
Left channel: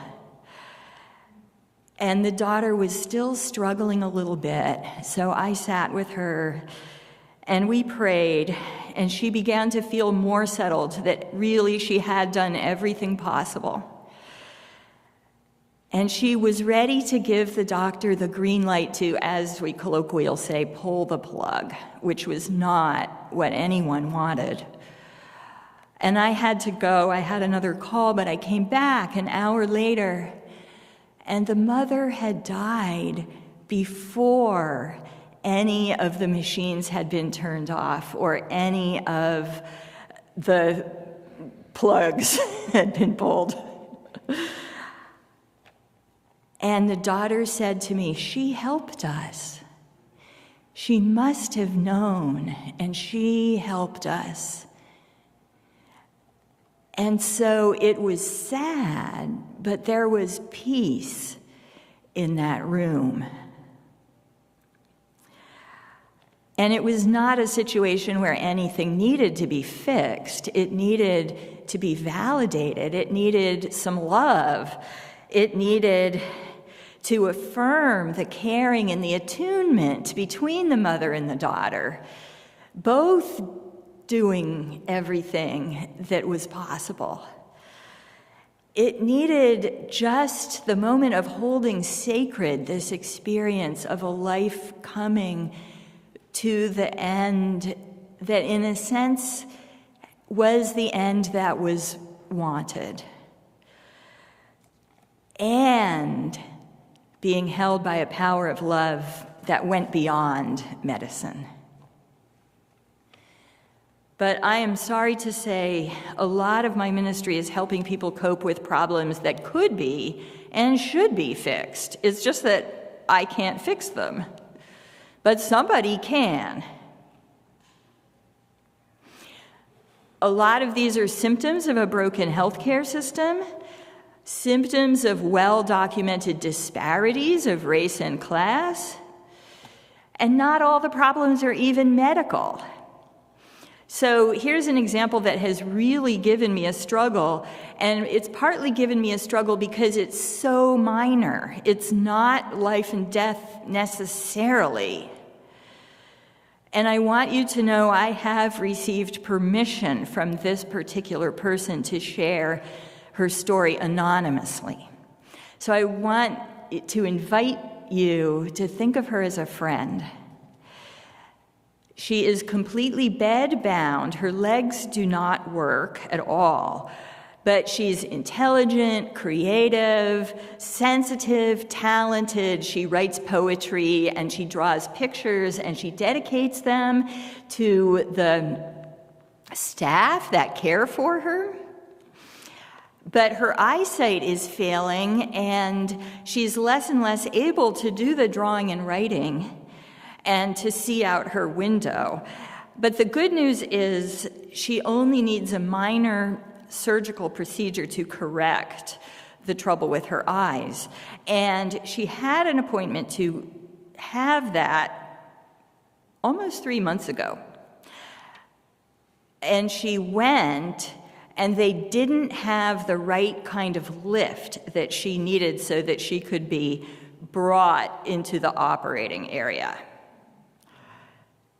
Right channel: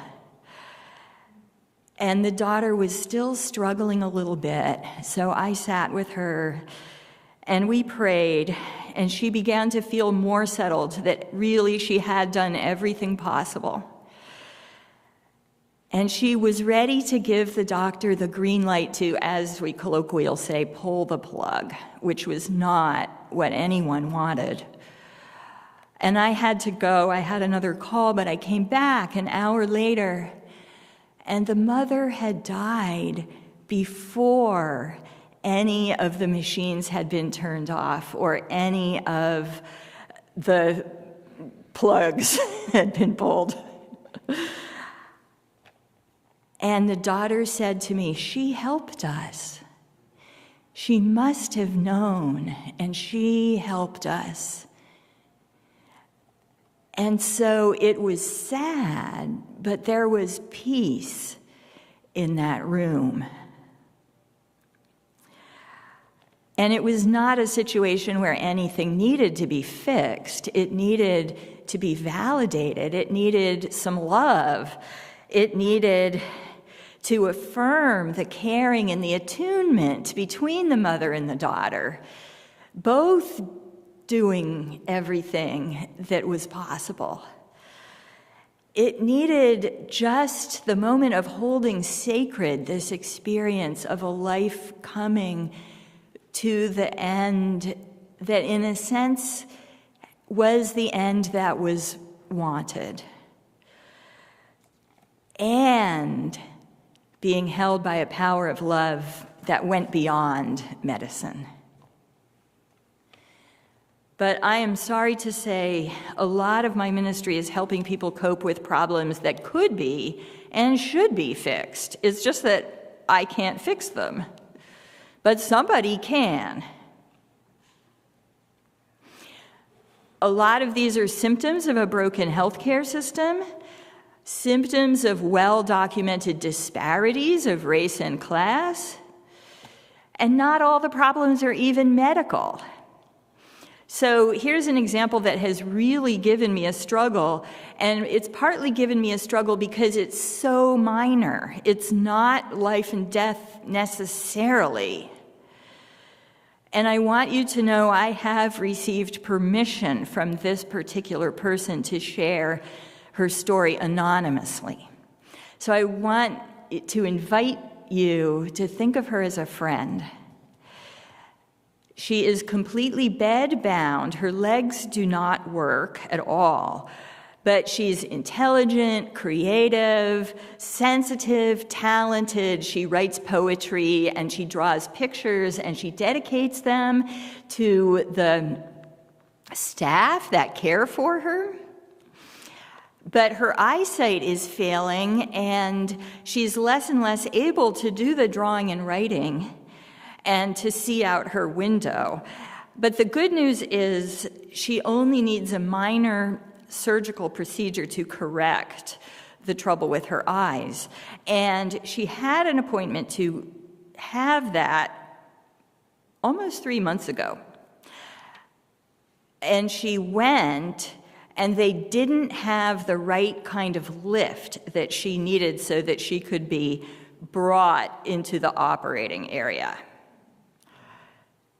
And the daughter was still struggling a little bit, so I sat with her and we prayed, and she began to feel more settled, that really she had done everything possible. And she was ready to give the doctor the green light to, as we colloquially say, pull the plug, which was not what anyone wanted. And I had to go. I had another call, but I came back an hour later, and the mother had died before any of the machines had been turned off or any of the plugs had been pulled. And the daughter said to me, "She helped us. She must have known, and she helped us." And so it was sad, but there was peace in that room. And it was not a situation where anything needed to be fixed. It needed to be validated. It needed some love. It needed to affirm the caring and the attunement between the mother and the daughter, both doing everything that was possible. It needed just the moment of holding sacred this experience of a life coming to the end that, in a sense, was the end that was wanted, and being held by a power of love that went beyond medicine. But I am sorry to say, a lot of my ministry is helping people cope with problems that could be and should be fixed. It's just that I can't fix them, but somebody can. A lot of these are symptoms of a broken healthcare system, symptoms of well-documented disparities of race and class, and not all the problems are even medical. So here's an example that has really given me a struggle, and it's partly given me a struggle because it's so minor. It's not life and death necessarily. And I want you to know I have received permission from this particular person to share her story anonymously. So I want to invite you to think of her as a friend. She is completely bedbound. Her legs do not work at all. But she's intelligent, creative, sensitive, talented. She writes poetry and she draws pictures and she dedicates them to the staff that care for her. But her eyesight is failing and she's less and less able to do the drawing and writing and to see out her window. But the good news is she only needs a minor surgical procedure to correct the trouble with her eyes. And she had an appointment to have that almost 3 months ago. And she went, and they didn't have the right kind of lift that she needed so that she could be brought into the operating area.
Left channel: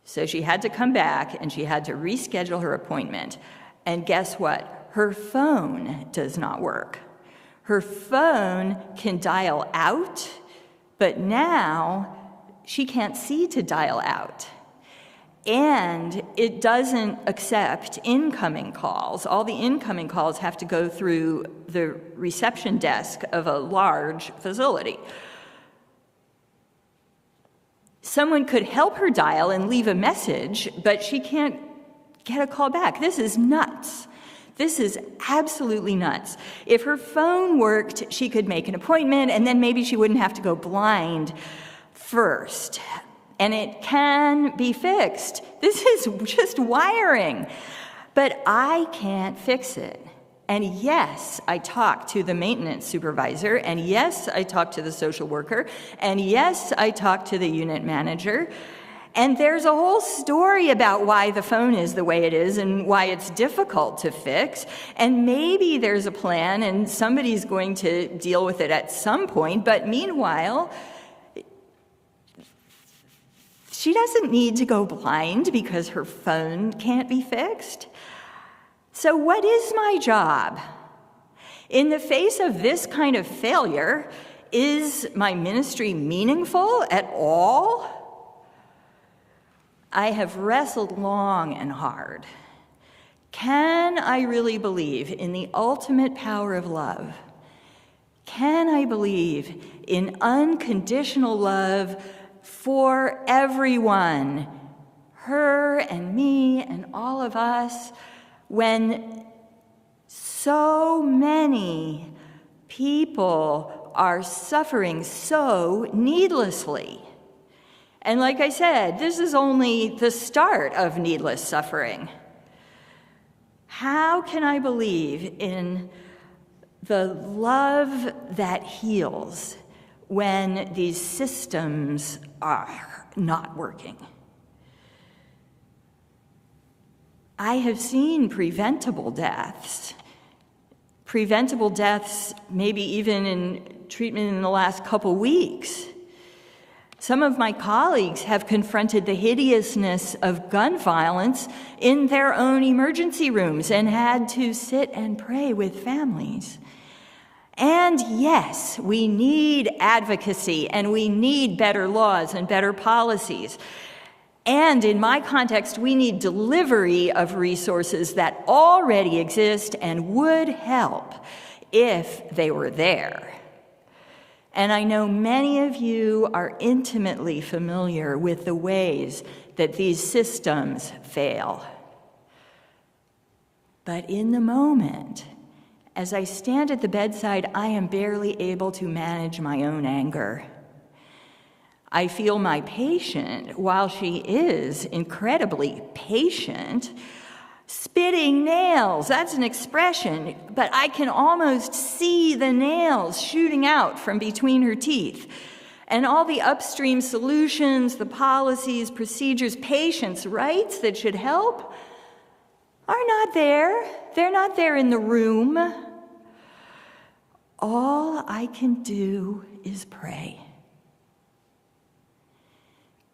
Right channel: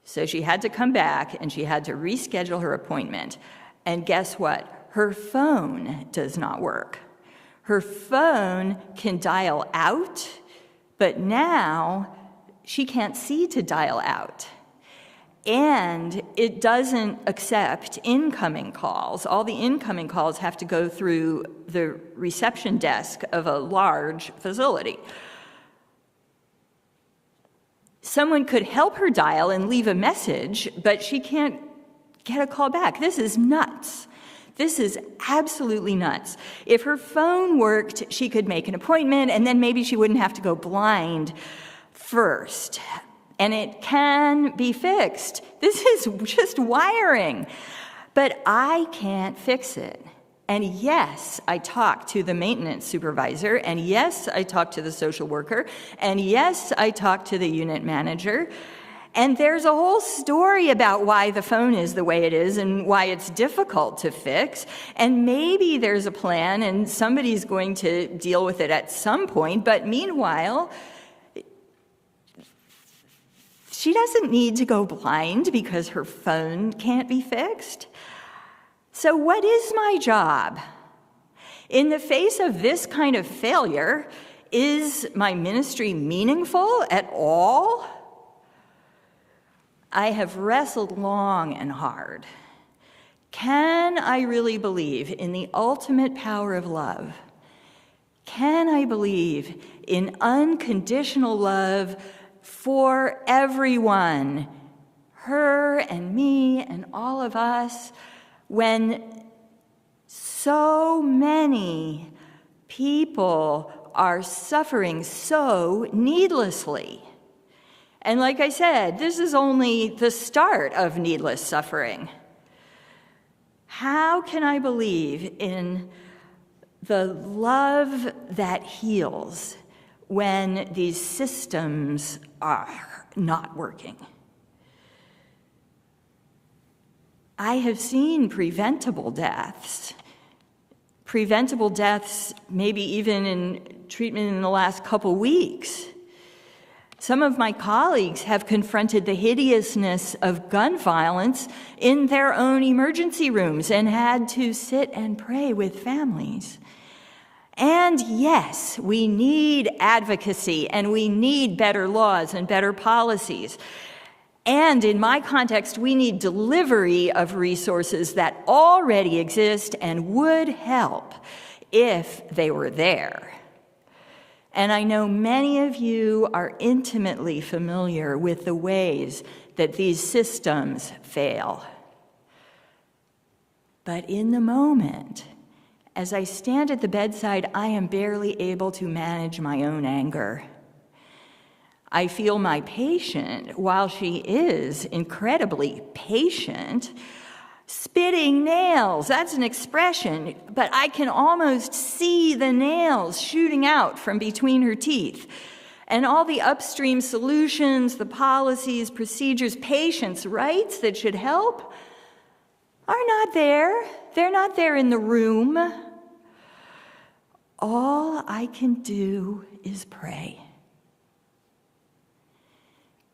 So she had to come back, and she had to reschedule her appointment. And guess what? Her phone does not work. Her phone can dial out, but now she can't see to dial out. And it doesn't accept incoming calls. All the incoming calls have to go through the reception desk of a large facility. Someone could help her dial and leave a message, but she can't get a call back. This is nuts. This is absolutely nuts. If her phone worked, she could make an appointment, and then maybe she wouldn't have to go blind first. And it can be fixed. This is just wiring. But I can't fix it. And yes, I talked to the maintenance supervisor, and yes, I talked to the social worker, and yes, I talked to the unit manager. And there's a whole story about why the phone is the way it is and why it's difficult to fix. And maybe there's a plan and somebody's going to deal with it at some point. But meanwhile, she doesn't need to go blind because her phone can't be fixed. So what is my job? In the face of this kind of failure, is my ministry meaningful at all? I have wrestled long and hard. Can I really believe in the ultimate power of love? Can I believe in unconditional love for everyone, her and me and all of us, when so many people are suffering so needlessly? And like I said, this is only the start of needless suffering. How can I believe in the love that heals when these systems are not working? I have seen preventable deaths maybe even in treatment in the last couple weeks. Some of my colleagues have confronted the hideousness of gun violence in their own emergency rooms and had to sit and pray with families. And yes, we need advocacy and we need better laws and better policies. And in my context, we need delivery of resources that already exist and would help if they were there. And I know many of you are intimately familiar with the ways that these systems fail. But in the moment, as I stand at the bedside, I am barely able to manage my own anger. I feel my patient, while she is incredibly patient, spitting nails. That's an expression, but I can almost see the nails shooting out from between her teeth. And all the upstream solutions, the policies, procedures, patients' rights that should help are not there. They're not there in the room. All I can do is pray.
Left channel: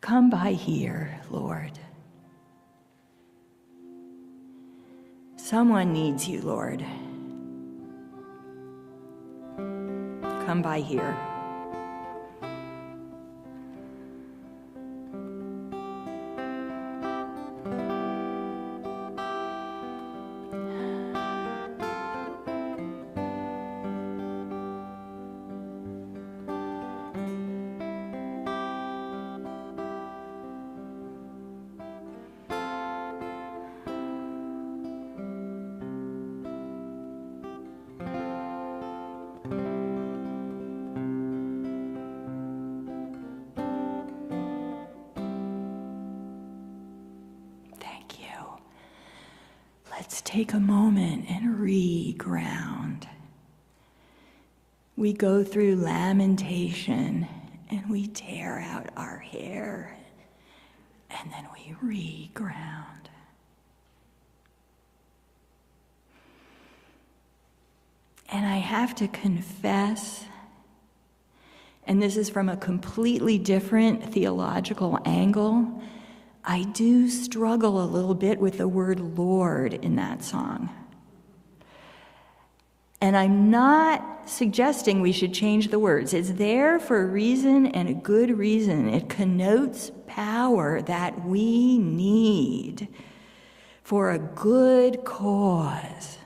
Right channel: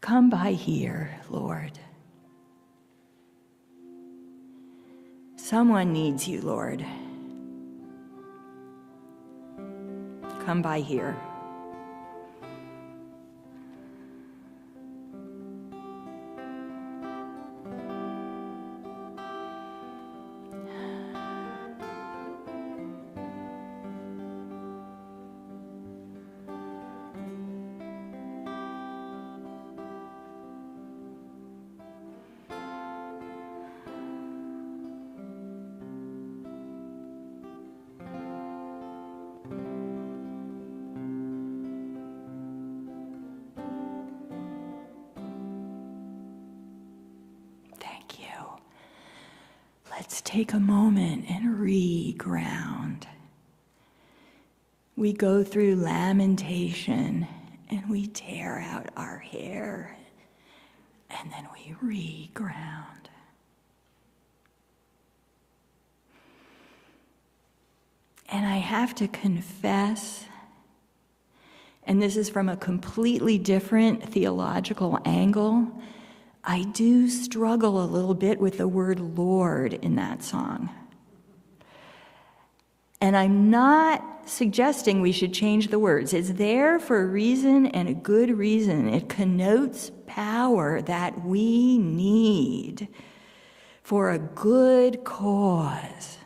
Come by here, Lord. Someone needs you, Lord. Come by here. Let's take a moment and re-ground. we go through lamentation and we tear out our hair and then we reground. And I have to confess, and this is from a completely different theological angle, I do struggle a little bit with the word Lord in that song. And I'm not suggesting we should change the words. It's there for a reason and a good reason. It connotes power that we need for a good cause.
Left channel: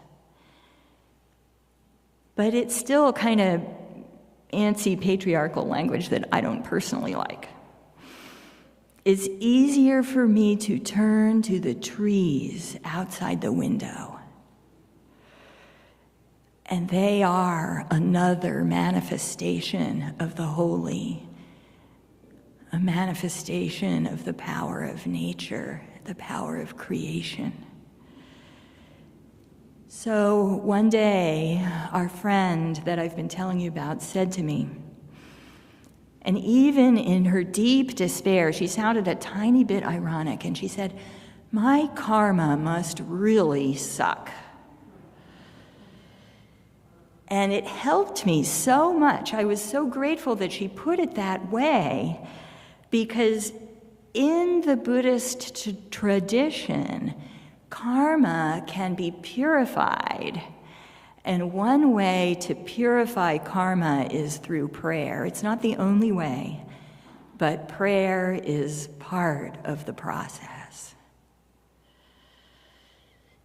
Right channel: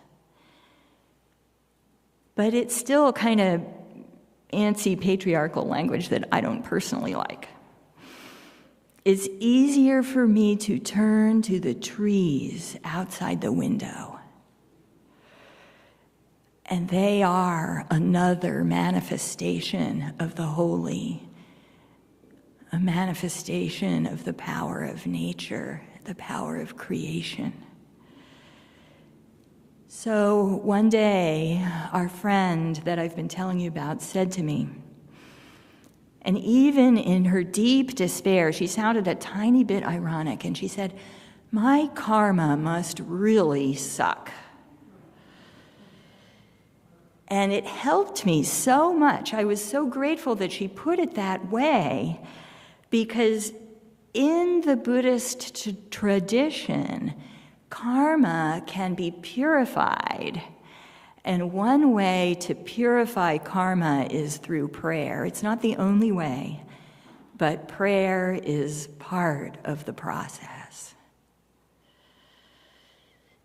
But it's still kind of antsy patriarchal language that I don't personally like. It's easier for me to turn to the trees outside the window. And they are another manifestation of the holy, a manifestation of the power of nature, the power of creation. So one day, our friend that I've been telling you about said to me, and even in her deep despair, she sounded a tiny bit ironic, and she said, "My karma must really suck." And it helped me so much. I was so grateful that she put it that way, because in the Buddhist tradition, karma can be purified. And one way to purify karma is through prayer. It's not the only way, but prayer is part of the process.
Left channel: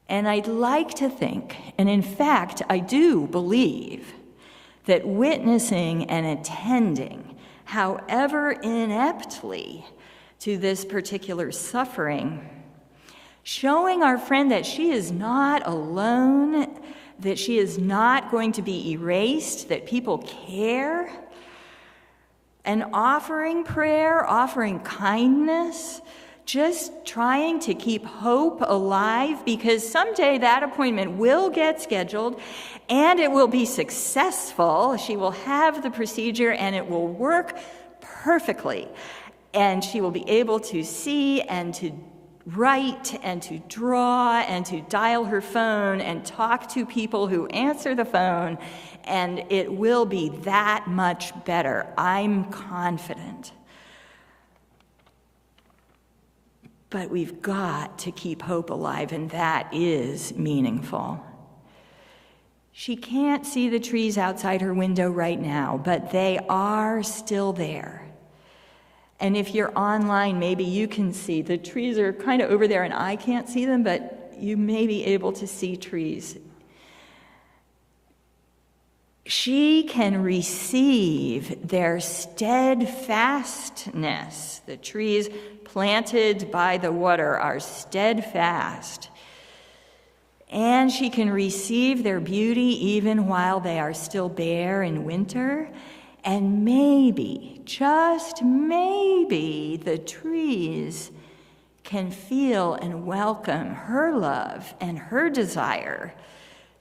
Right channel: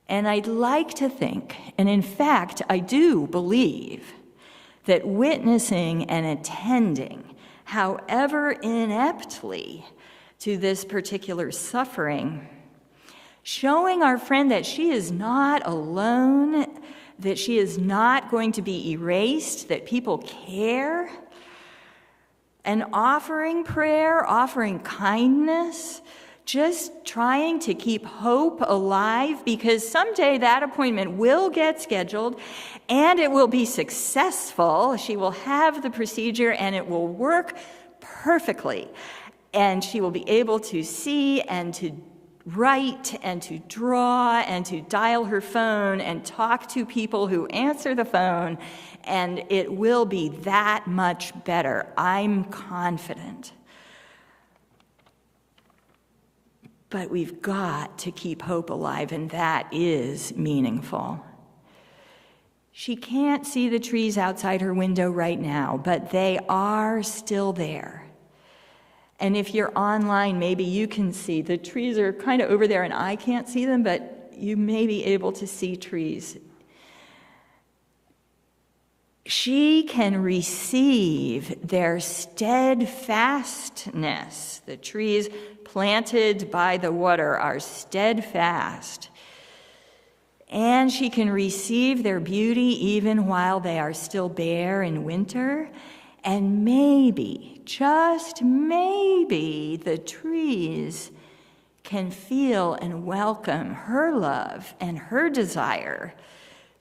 And I'd like to think, and in fact, I do believe, that witnessing and attending, however ineptly, to this particular suffering, showing our friend that she is not alone, that she is not going to be erased, that people care, and offering prayer, offering kindness, just trying to keep hope alive, because someday that appointment will get scheduled and it will be successful. She will have the procedure and it will work perfectly. And she will be able to see and to write and to draw and to dial her phone and talk to people who answer the phone, and it will be that much better. I'm confident. But we've got to keep hope alive, and that is meaningful. She can't see the trees outside her window right now, but they are still there. And if you're online, maybe you can see. The trees are kind of over there, and I can't see them, but you may be able to see trees. She can receive their steadfastness. The trees planted by the water are steadfast. And she can receive their beauty even while they are still bare in winter. And maybe, just maybe, the trees can feel and welcome her love and her desire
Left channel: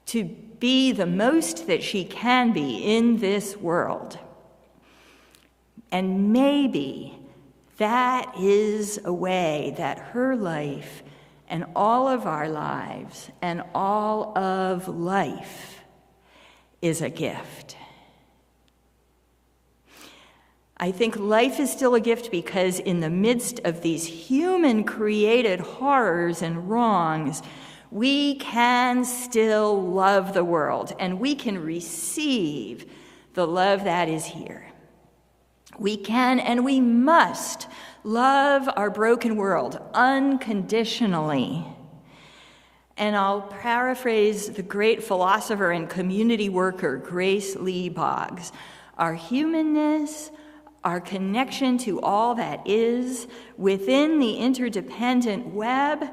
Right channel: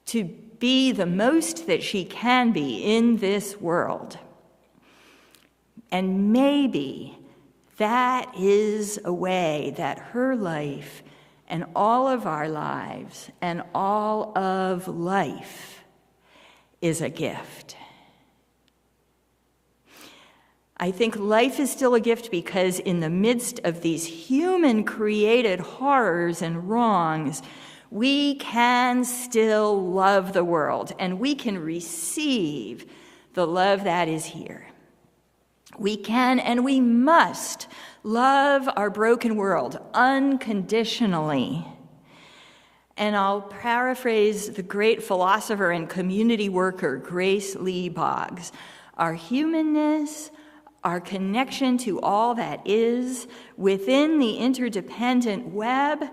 to be the most that she can be in this world. And maybe that is a way that her life and all of our lives and all of life is a gift. I think life is still a gift because in the midst of these human-created horrors and wrongs, we can still love the world, and we can receive the love that is here. We can and we must love our broken world unconditionally. And I'll paraphrase the great philosopher and community worker, Grace Lee Boggs. Our humanness, our connection to all that is within the interdependent web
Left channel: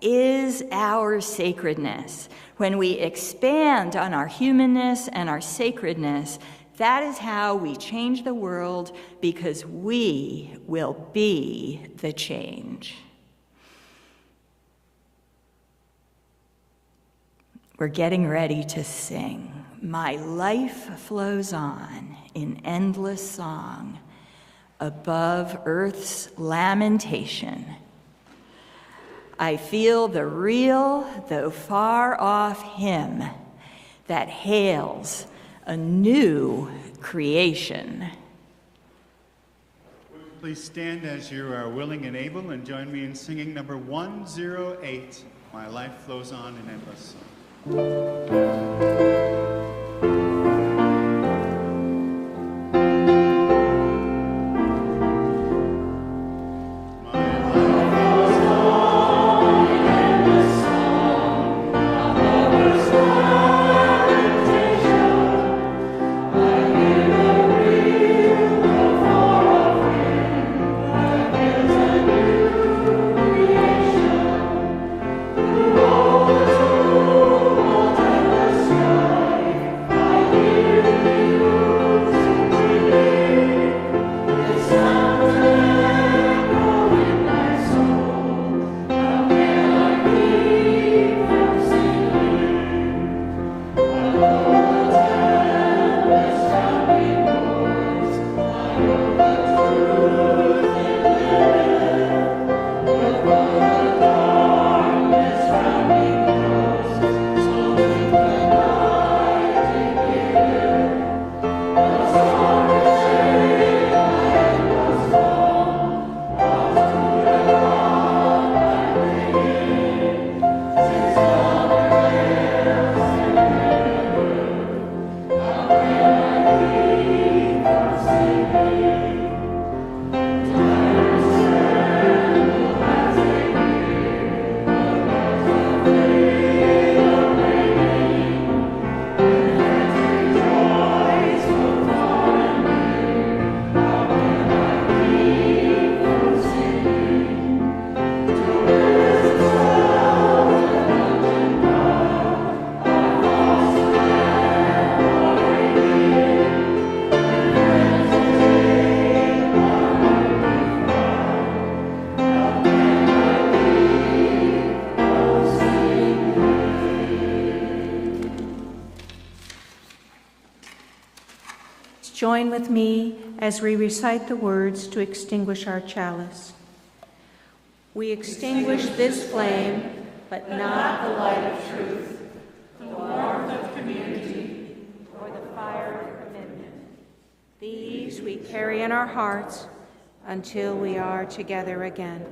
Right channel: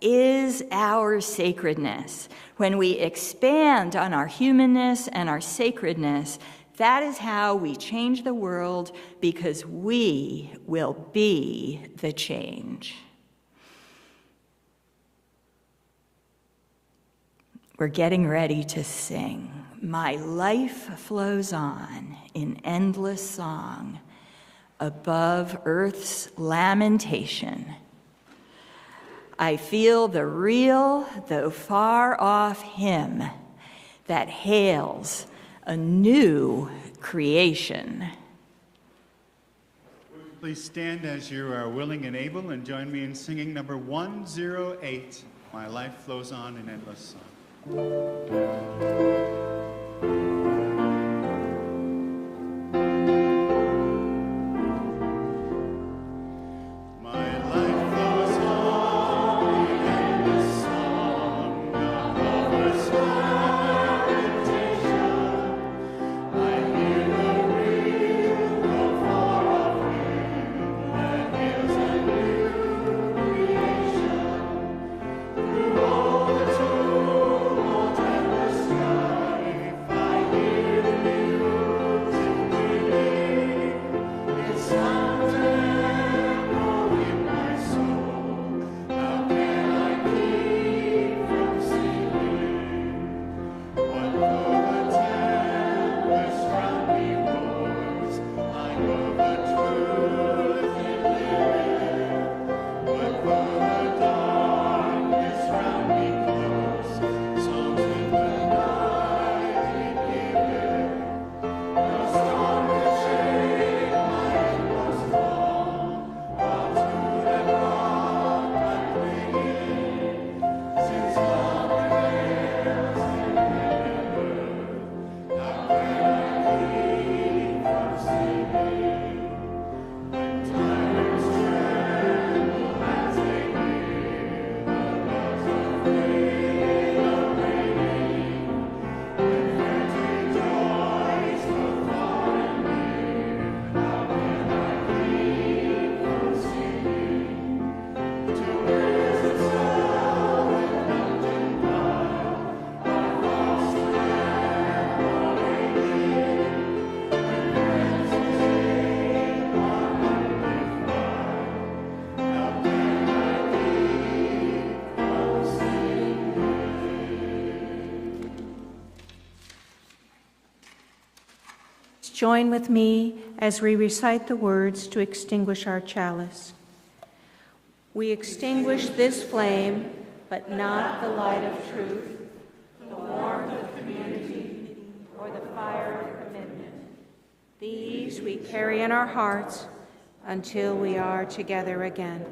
is our sacredness. When we expand on our humanness and our sacredness, that is how we change the world, because we will be the change. We're getting ready to sing. my life flows on in endless song above earth's lamentation. I feel the real, though far off hymn that hails a new creation. Please stand as you are willing and able and join me in singing number 108, My Life Flows On in Endless Song. Join with me as we recite the words to extinguish our chalice. We extinguish this flame, but not the light of truth, the warmth of community, or the fire of commitment. These we carry in our hearts until we are together again.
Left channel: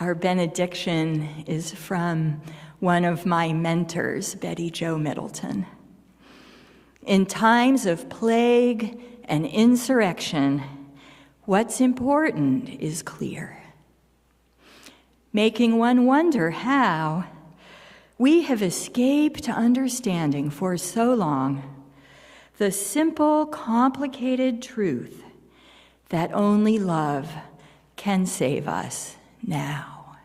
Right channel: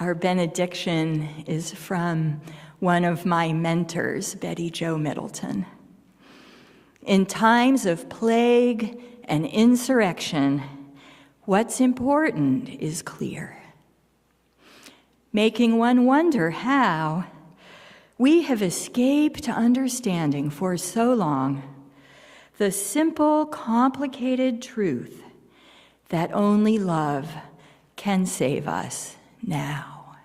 Our benediction is from one of my mentors, Betty Jo Middleton. In times of plague and insurrection, what's important is clear, making one wonder how we have escaped understanding for so long the simple, complicated truth that only love can save us now.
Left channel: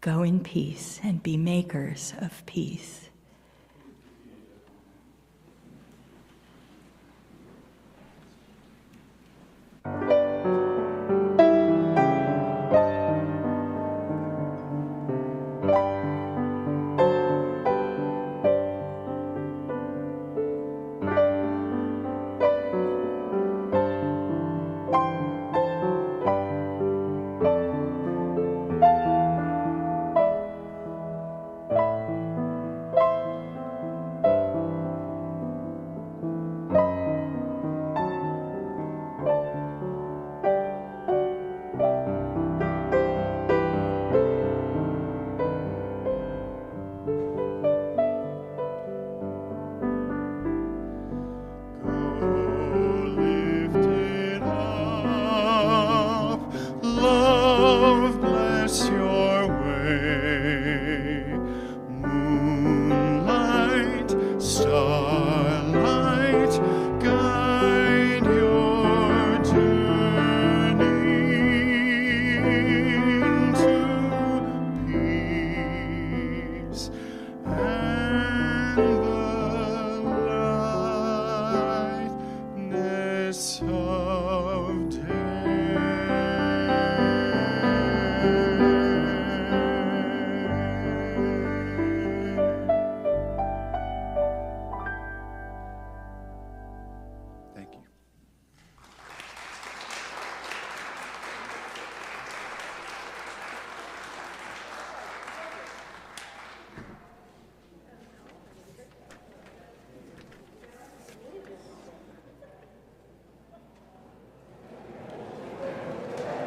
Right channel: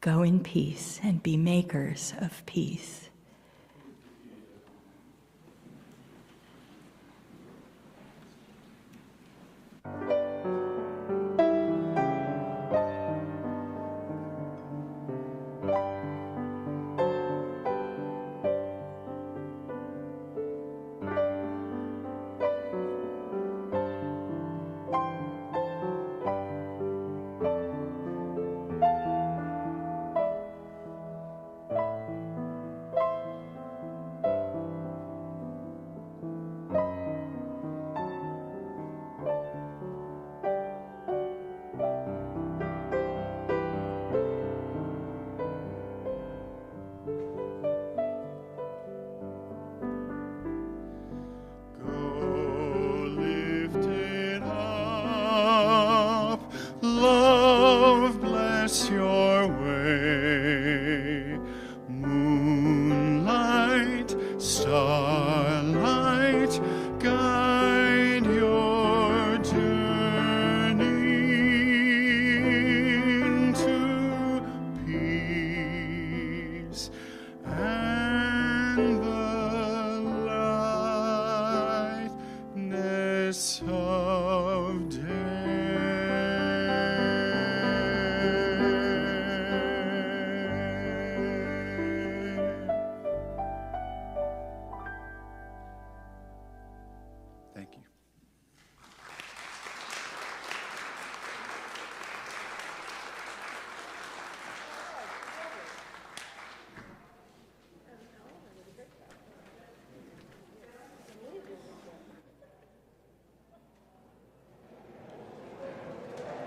Go in peace and be makers of peace.